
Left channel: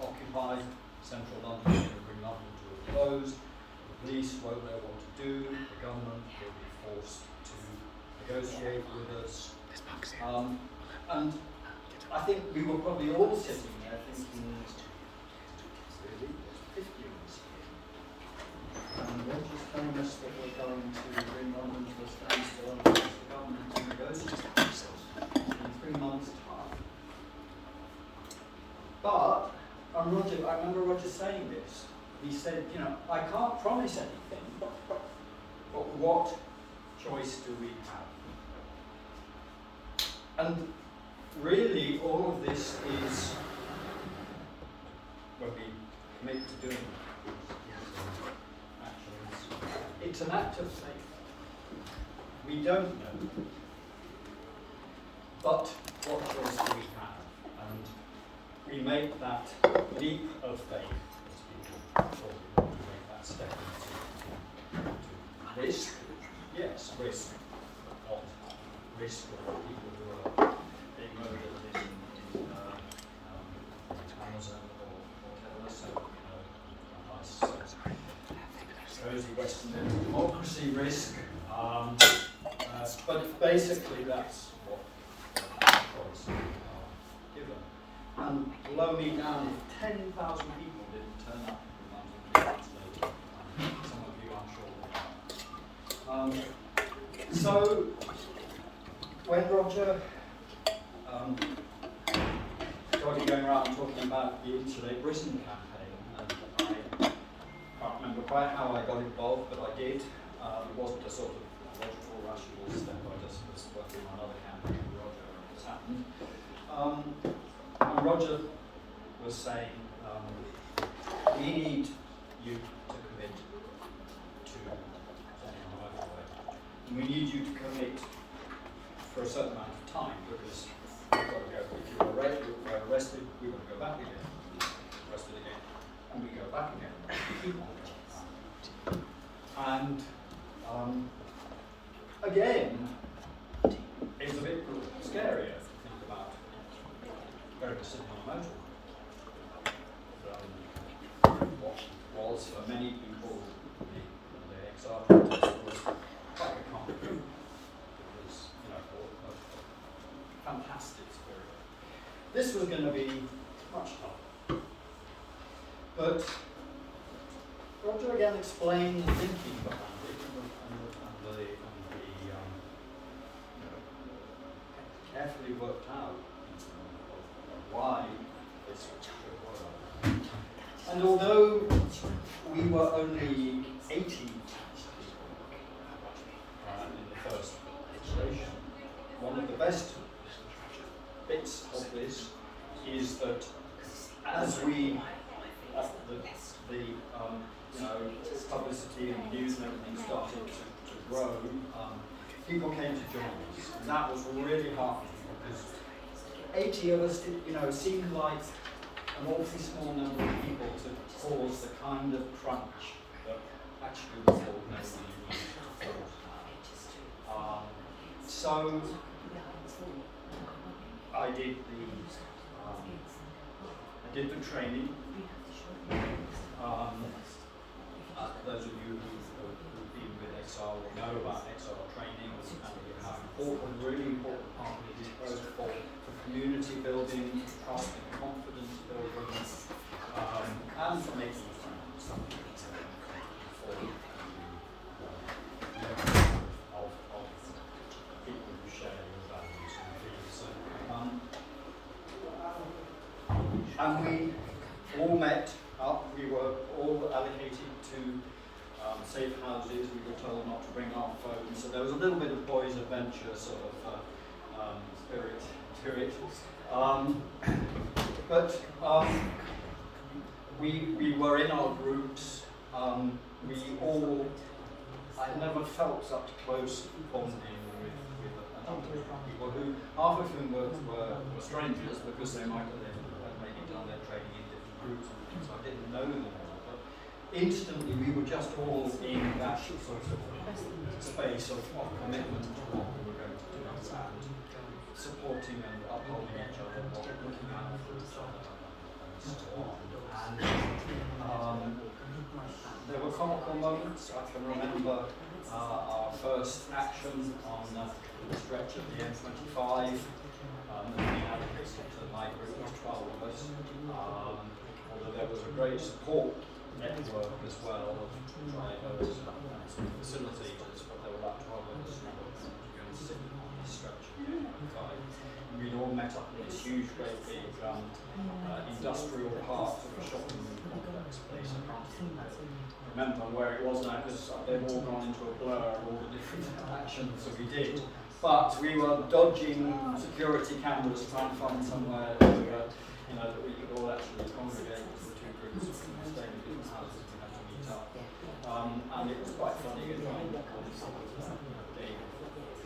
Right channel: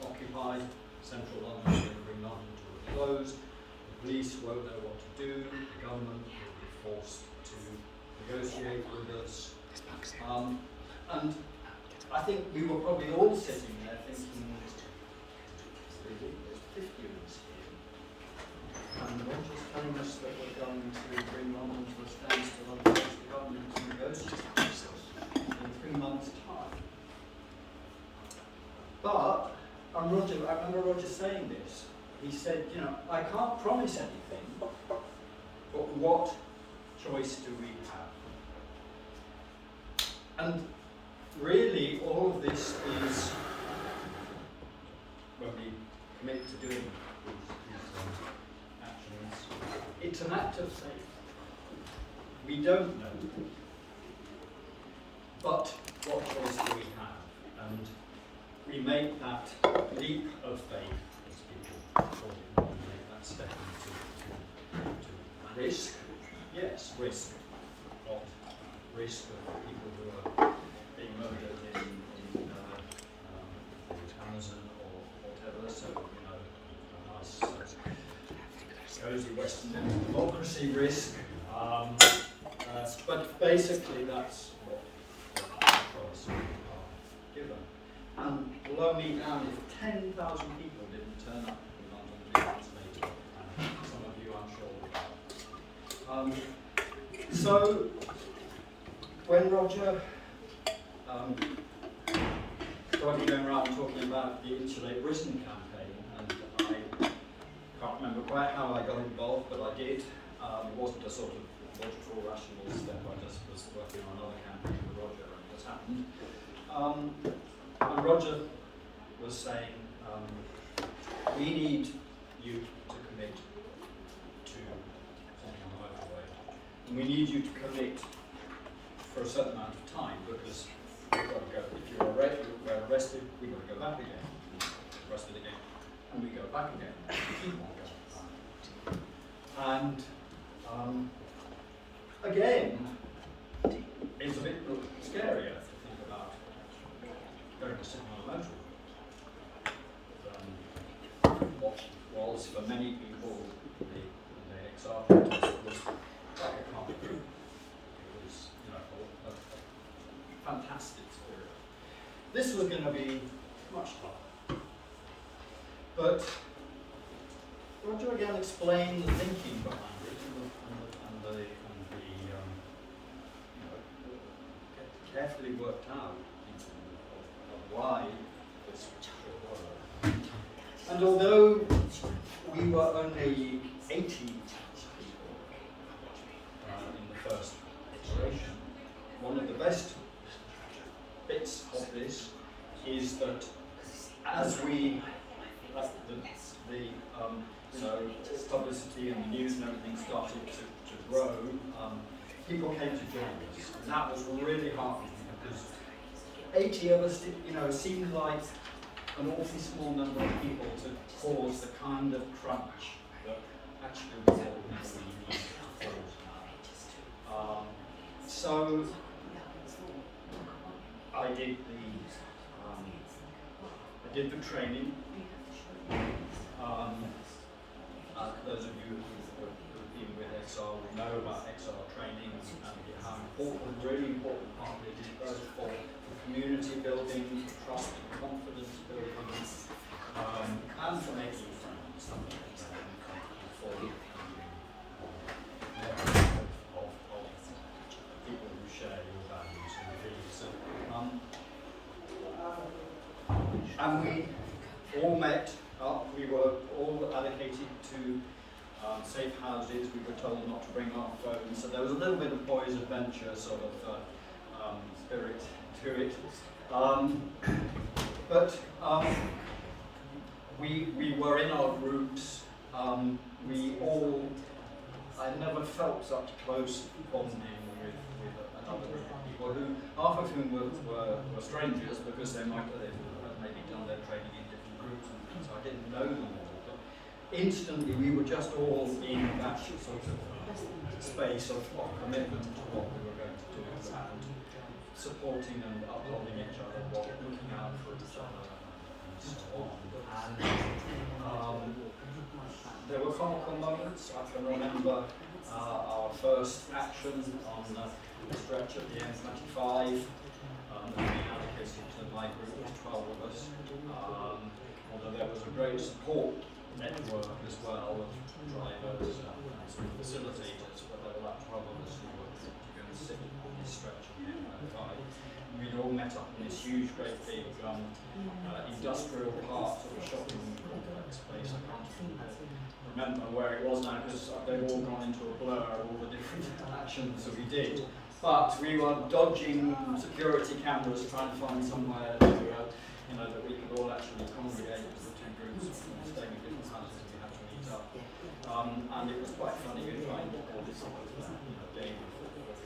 occupy central London, we're going to bring London to a close, the police won't know what to do, the government will be forced to negotiate with us. And I think we were probably all sitting there thinking, really, there's 50 of us here. And Roger's telling us that we're going to bring London to a standstill and force the government to negotiate with us in 3 months' time. But, and Roger, I remember Roger saying this. He said, you know, I can't promise anything, but what choice do we have? And really, all of this is, when we commit to doing these actions, it's an act of faith. We don't know. But what choice do we have? And we make that leap of faith, as people call it, we make that step into risk. Yes, risk, not risk of people who are being murdered in Amazon or whatever. So, you know, a nice cozy Western democracy risk. But basically, that's what choice we are given. And blow me down if 10,000 people didn't turn up in London 2 months later. Some of you, I'm sure, will. So, when Roger started going around talking about the Insulate Britain campaign, and I can't remember quite how I got involved, but I did. It wasn't a sort of logical, rational step. I just was working on another campaign for Roger, and this happened. And Roger was saying, we need you to commit to something on the motorway. we need you to commit for a certain amount of time, because we've got to go, if you're arrested, we've got to go back again, arrested again, and we go back again, we keep on going back. And again, it's a bit scarier to think about going to sit on a motorway. What was for many people the XR protest was like a carnival. It was, you know, a fantastic spirit. This was going to be much tougher. But Roger again explained the thinking behind it and the you know, carefully worked out of why this should work. And although we were only 80 people in the first iteration, one of the best bits of this is that as we, the you know, publicity and the news and everything started to grow, people came to join us, and that was really heartening, because 80 of us, you know, seemed like an awfully small number of people to cause the kind of crunch that actually we all know we need to cause. So I did the training. Those of you who've been with XR will know about XR training and how important, really important part of it is both for community building, trust and confidence building, and for making friends. For of people who share your values and beliefs. And we all met up, we were all allocated to safe houses. We were told not to bring our phones, so there was a little bit of boys' adventure sort of spirit to it. But we were in our groups. I never felt such close bonding with another group of people, who half of whom were strangers, because they might have maybe done their training in different groups and things, so I didn't know them all. But instantly we were just all in that sort of space of commitment to what we were going to do, and supporting and upholding each other, looking out for each other, and so on. And there were comical moments. I can remember our first action on the stretch of the M25 that we allocated to my group, was 12 of us. Although there was a great support network as well of drivers and sort of facilitators, but there were like 12 of us who were to go and sit on this stretch of the M25. We'd all met up in this huge, great big industrial park, sort of shopping complex place. I can't remember where it was now, because they've all gone into a blur of all the different actions that we did. But we were dodging security cameras, trying to find somewhere to, you know, that we could all actually congregate as the two groups, staying in different houses. We had to meet up, and it was quite funny. We were trying to call this sort of, you know, game of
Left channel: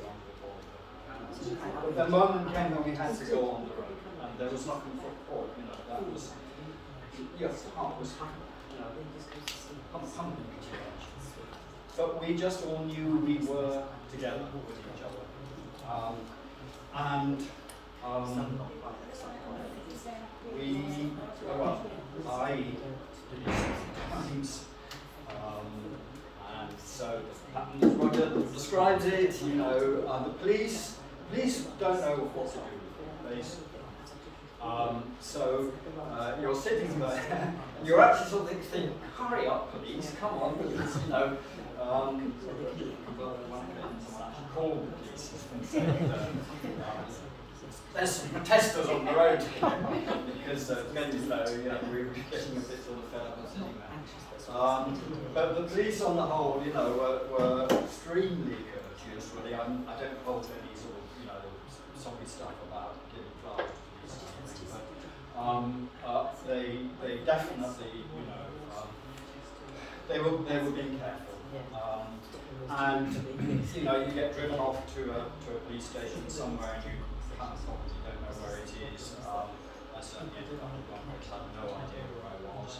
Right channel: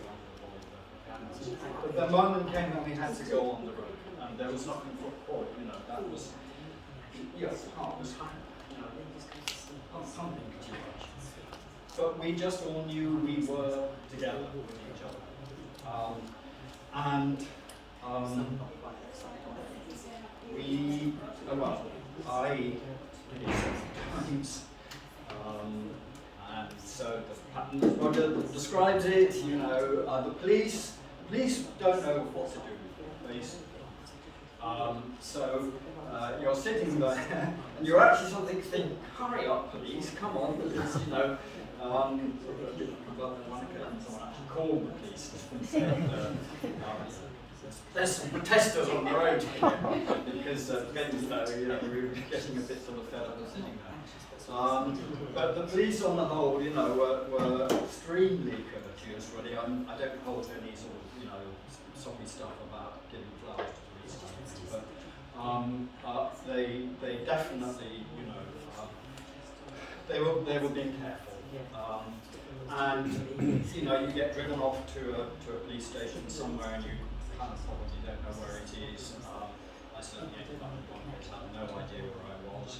cameras. But the moment came when we had to go on the road, and there was nothing for it. You know, that was, you know, heart was, you know, pumping too much. But we just all knew we were together with each other. I did it sometimes, and so the pattern as Roger describes it, you know, the police don't know what to do with it. So you're sitting there and you're actually sort of thinking, hurry up police, come on, because, you know, but on one occasion someone actually called the police and said, there's some protesters on the road here, because you know, we were getting a bit sort of fed up and sitting there. But the police on the whole, you know, were extremely courteous, really. I don't hold any sort of, you know, soppy stuff about giving flowers to police or something, but they definitely, you know, they were being careful. And and you know, you get driven off to a police station somewhere and you kind of probably don't know where it is. I certainly ended up in one place, had no idea where I was.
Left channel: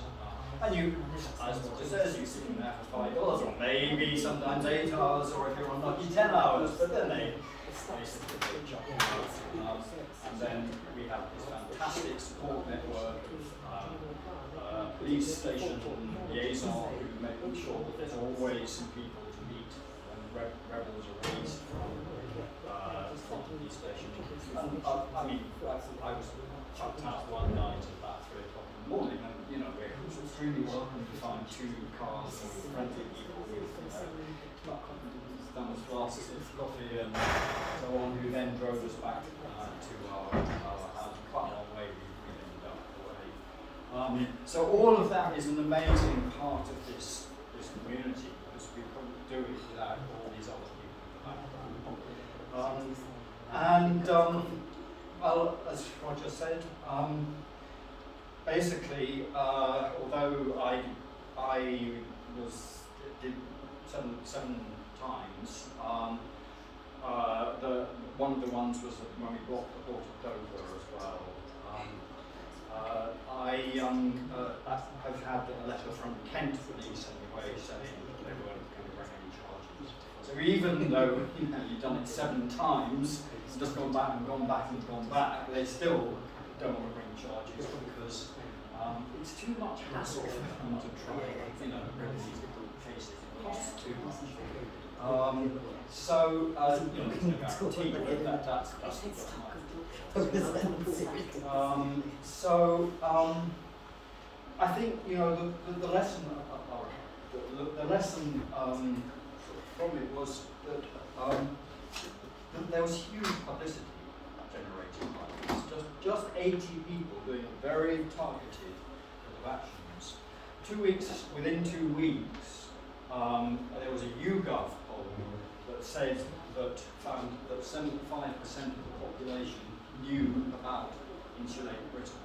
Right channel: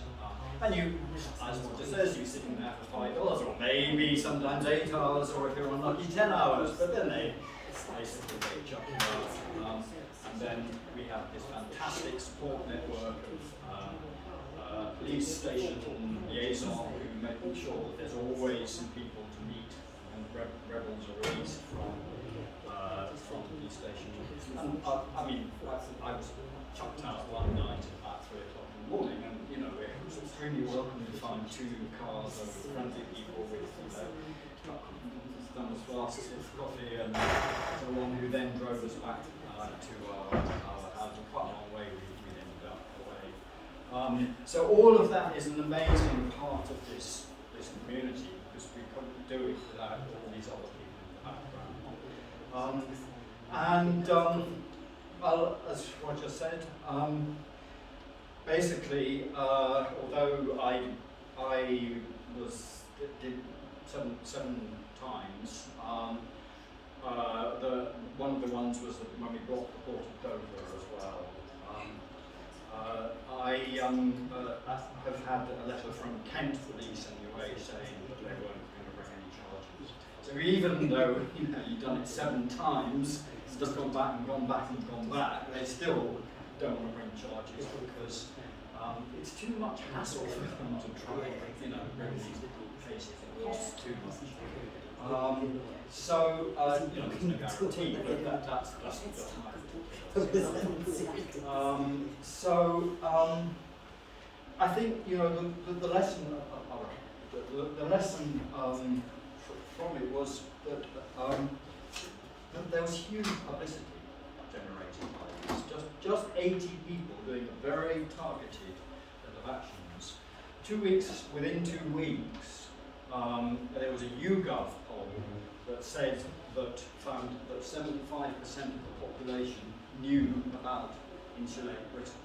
And you, as Roger says, you're sitting there for 5 hours, or maybe sometimes 8 hours, or if you're unlucky 10 hours, but then they basically jump you out. And then we have this fantastic support network of police station liaison who make sure that there's always some people to meet when rebels are released from the police station. And I mean, I was chucked out one night at about 3 o'clock in the morning, and you know, it was extremely welcome to find 2 cars of friendly people with thermos glasses of coffee and so on, who then drove us back to our house. Quite a long way we ended up away. So all of that is an amazing part of this community, because we couldn't do it without all these other people in the background. Well, as Roger said, basically, although I did seven times, one of the ones was when we blocked the port of Dover as well. I have had a letter from Kent Police anyway saying that they weren't going to bring any charges. So even though you've done it 7 times, just gone back and gone back and gone back, they still don't want to bring charges because it's too much hassle for them to try and bring these cases. It costs too much. So there's no guarantee, but that's I think the lesson from it was that there was huge publicity generated by this. Just 80 people doing a very targeted bit of actions. Within 2 weeks, there was a YouGov poll that found that 75% of the population knew about Insulate Britain.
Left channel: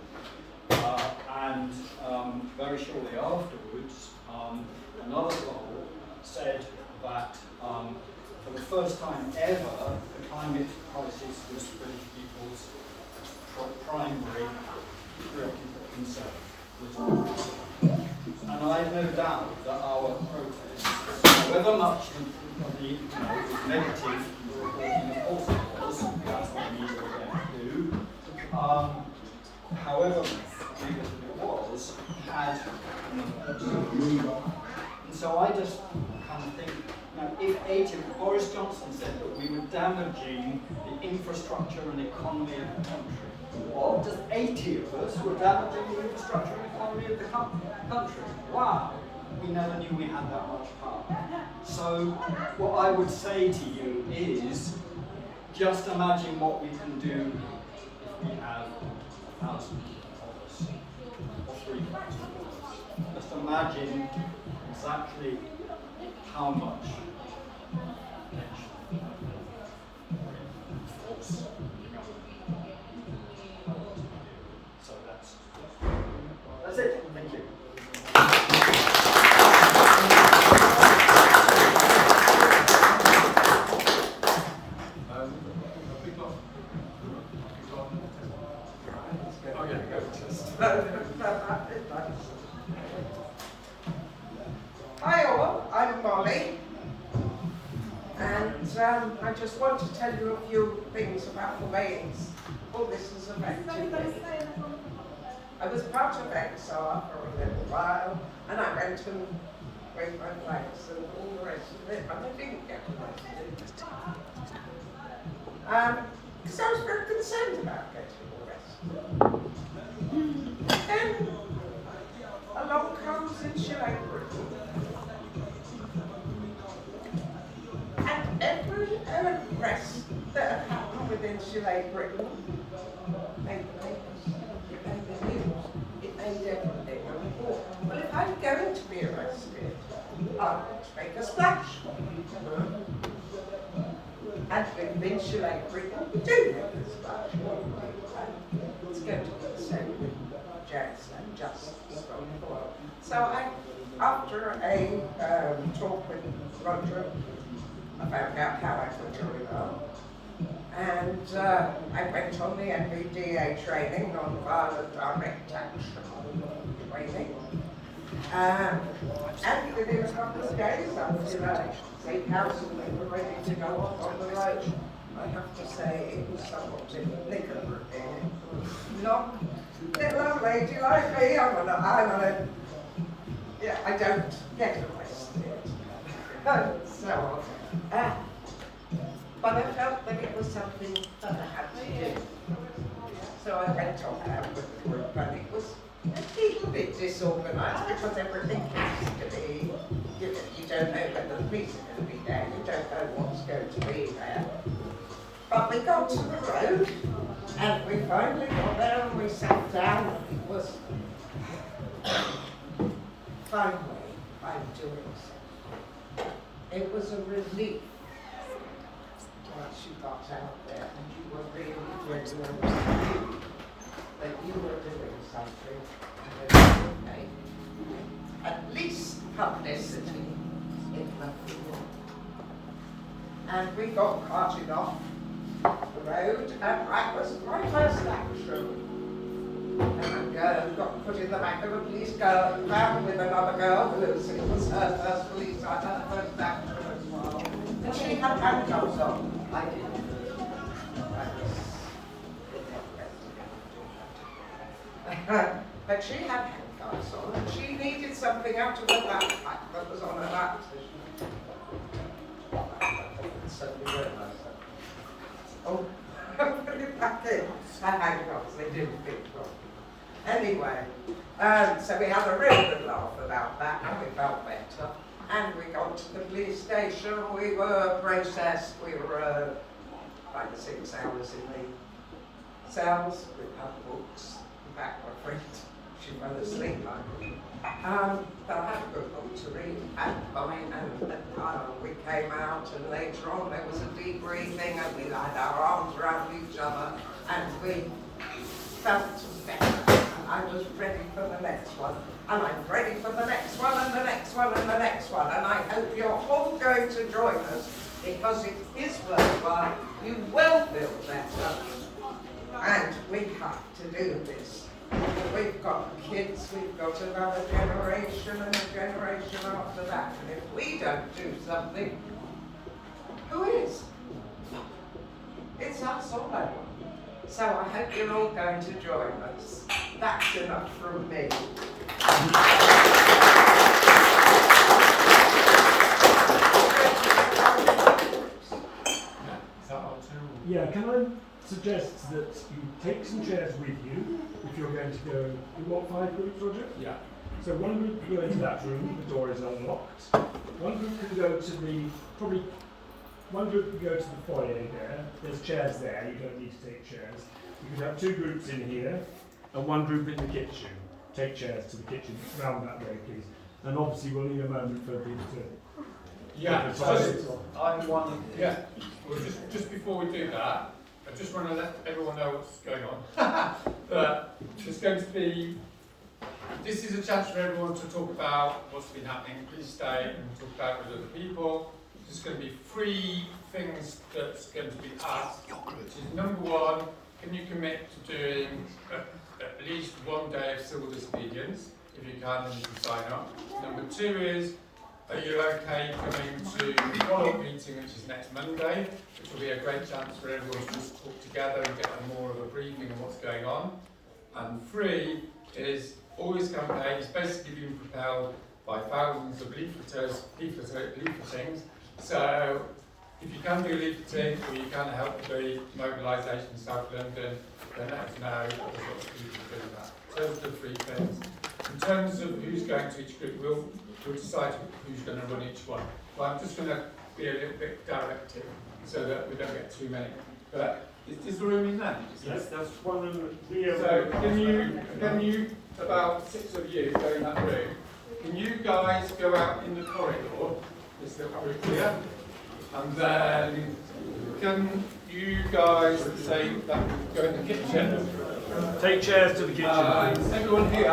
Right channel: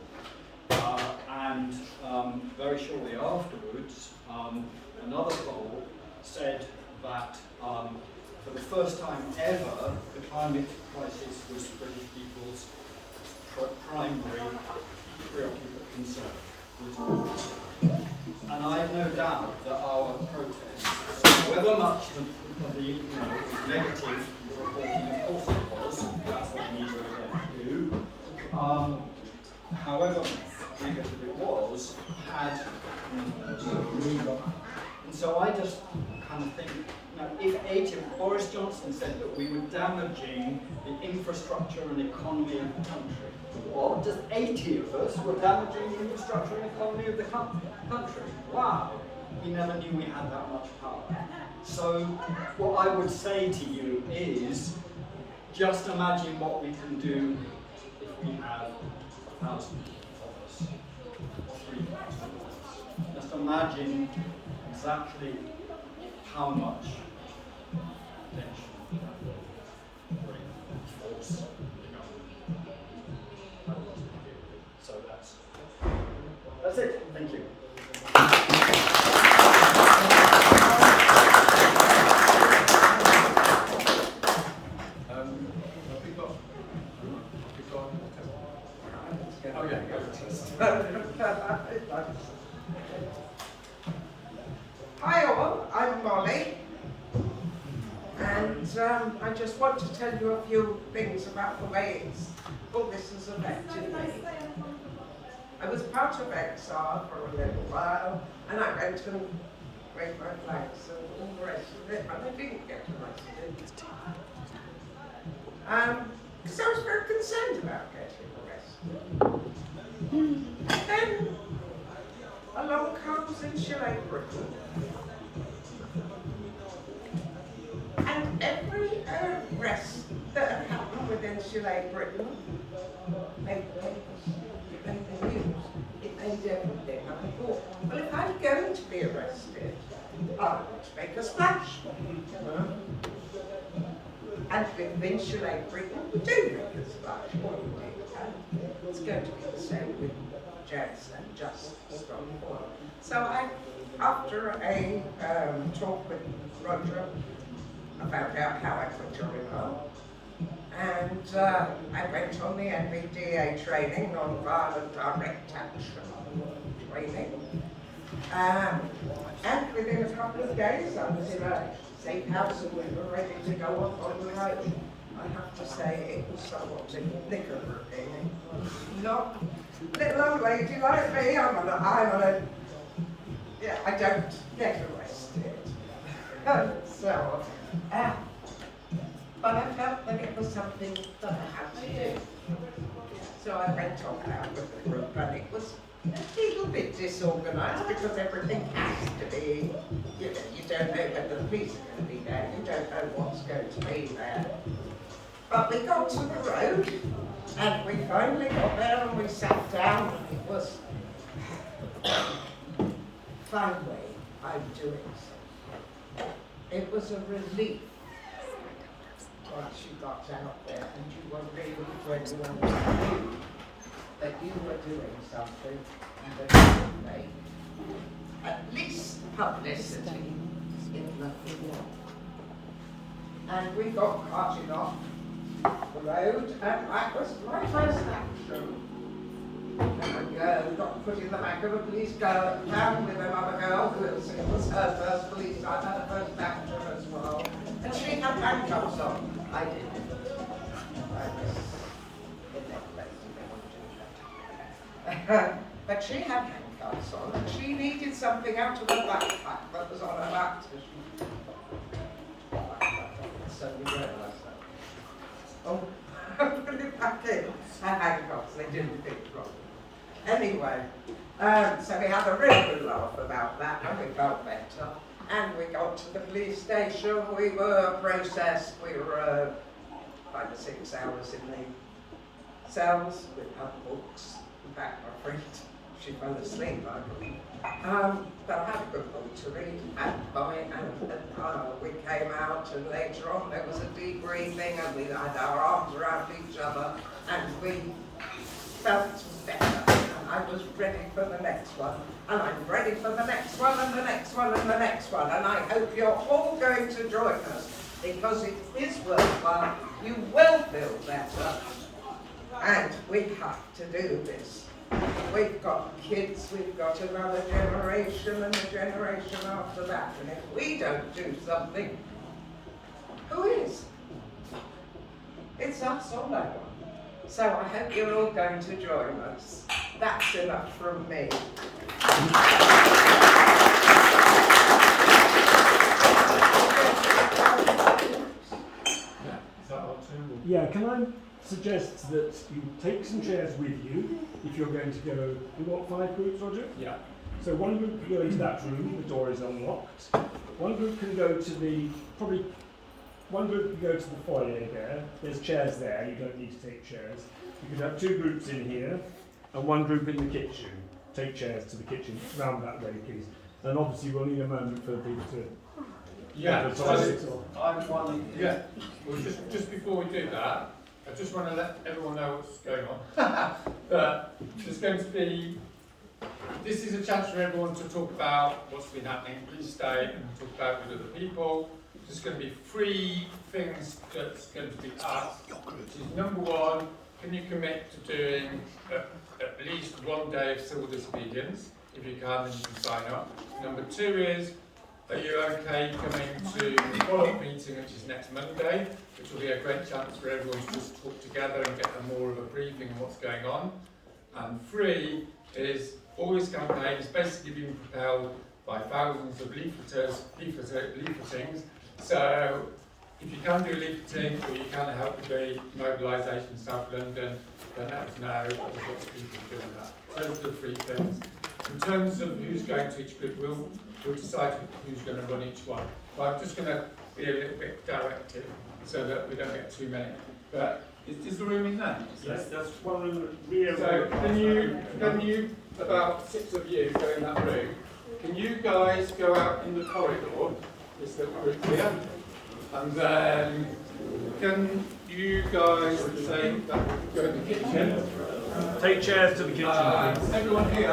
And very shortly afterwards, another poll said that for the first time ever, the climate crisis was British people's primary preoccupant concern. And I have no doubt that our protests, however much the negative reporting of positive was, that's what we need to do, however negative it was, had to move on. And so I just kind of think, if Boris Johnson said that we were damaging the infrastructure and economy of the country, well, just 80 of us were damaging the infrastructure and economy of the country. Wow, we never knew we had that much power. So what I would say to you is, just imagine what we can do if we have 1,000 of us, or 3,000 of us. Just imagine exactly how much attention, force the government had to deal with. So that's it. Thank you. Hi all, I'm Molly, and I just want to tell you a few things about the way all this has affected me. I was part of XR for a little while, and I went and waved my flags and all the rest of it, and I didn't get arrested. Because I was very concerned about getting arrested. And then along comes Insulate Britain, and every arrest that had happened with Insulate Britain made the papers, it made the news, it made everything. And I thought, well, if I'm going to be arrested, I want to make a splash. And with Insulate Britain, we do make a splash. And it's going to be the same with Jazz and Just Strong. So after a talk with Roger, I found out how I could join up. And I went on the NVDA training, non-violent direct action training. And within a couple of days I was in a safe house and we were ready to go off on the road. I have to say it was somewhat liquor-proof. Not little old lady like me, I don't get arrested. So, but I felt that it was something that I had to do. So I went on out with the group, and it was a little bit disorganised because everything has to be, you don't know whether the police are going to be there, you don't know what's going to be there. But we got to the road, and we finally got there and we sat down, and it was, finally, I'm doing something. It was a relief once you got out there and you were really genuine that you were doing something and that you would make at least publicity, if nothing more. And we got carting off the road, and that was my first action. And got put in the back of a police car, found with another girl who it was her first police, I had her first action as well. And she had handcuffs on. I didn't. But she had handcuffs on, and she needed something out of her backpack that was on her back, so she suddenly realised that. Oh, I'm putting it back in. Her handcuffs, they didn't fit wrong. Anyway, so we had a real good laugh about that, and we felt better. And we got to the police station, we were processed, we were 5 to 6 hours in the cells with our books. In fact, my friend, she fell asleep like me. But I had a good book to read, and fine, and we came out, and later on there was a debriefing, and we had our arms around each other, and we felt better. I was ready for the next one, and I'm ready for the next one, and the next one, and the next one, and I hope you're all going to join us, because it is worthwhile, you will feel better, and we have to do this. We've got kids, we've got another generation, and a generation after that, and if we don't do something, who is? It's us or no one. So I hope you're all going to join us. That's enough from me. Yeah, can I suggest that you take some chairs with you if you're going to go, we want 5 groups, Roger? Yeah. So one group can go into that room, the door is unlocked. One group can go to one group can go to the foyer there, there's chairs there, you don't need to take chairs. You could have 2 groups in here, and 1 group in the kitchen. Take chairs to the kitchen, round that way please. And obviously we'll need a moment for people to... Yeah, I'm one. yeah. Well, just before we do that, I just want to let everyone know what's going on. There's going to be, this is a chance for everyone to talk about what's been happening. Please stay and talk about it with other people. There's going to be 3 things that's going to be asked, which is number 1, can you commit to doing at least 1 day of civil disobedience? If you can, then you can sign up. Number 2 is, are you okay coming to the follow-up meeting, which is next Monday, which will be a great chance for everyone to just talk together and get more of a briefing on what's going on. And 3 is, all this campaign is basically being propelled by thousands of leafletings. So if you can do leafleting or you can help with the mobilisation in South London, then let us know. There's lots of people doing that. Those are the 3 things. In terms of who's going to each group, we'll decide who's going to run each one. But I'm just going to be a little bit directive so that we don't get too many. But is the room in there? Yes, that's one room. So can you, about 6 of you go in that room, can you guys go out in the corridor, this little group here, and then can you guys say that go in the kitchen? Take chairs to the kitchen, please. Everyone here,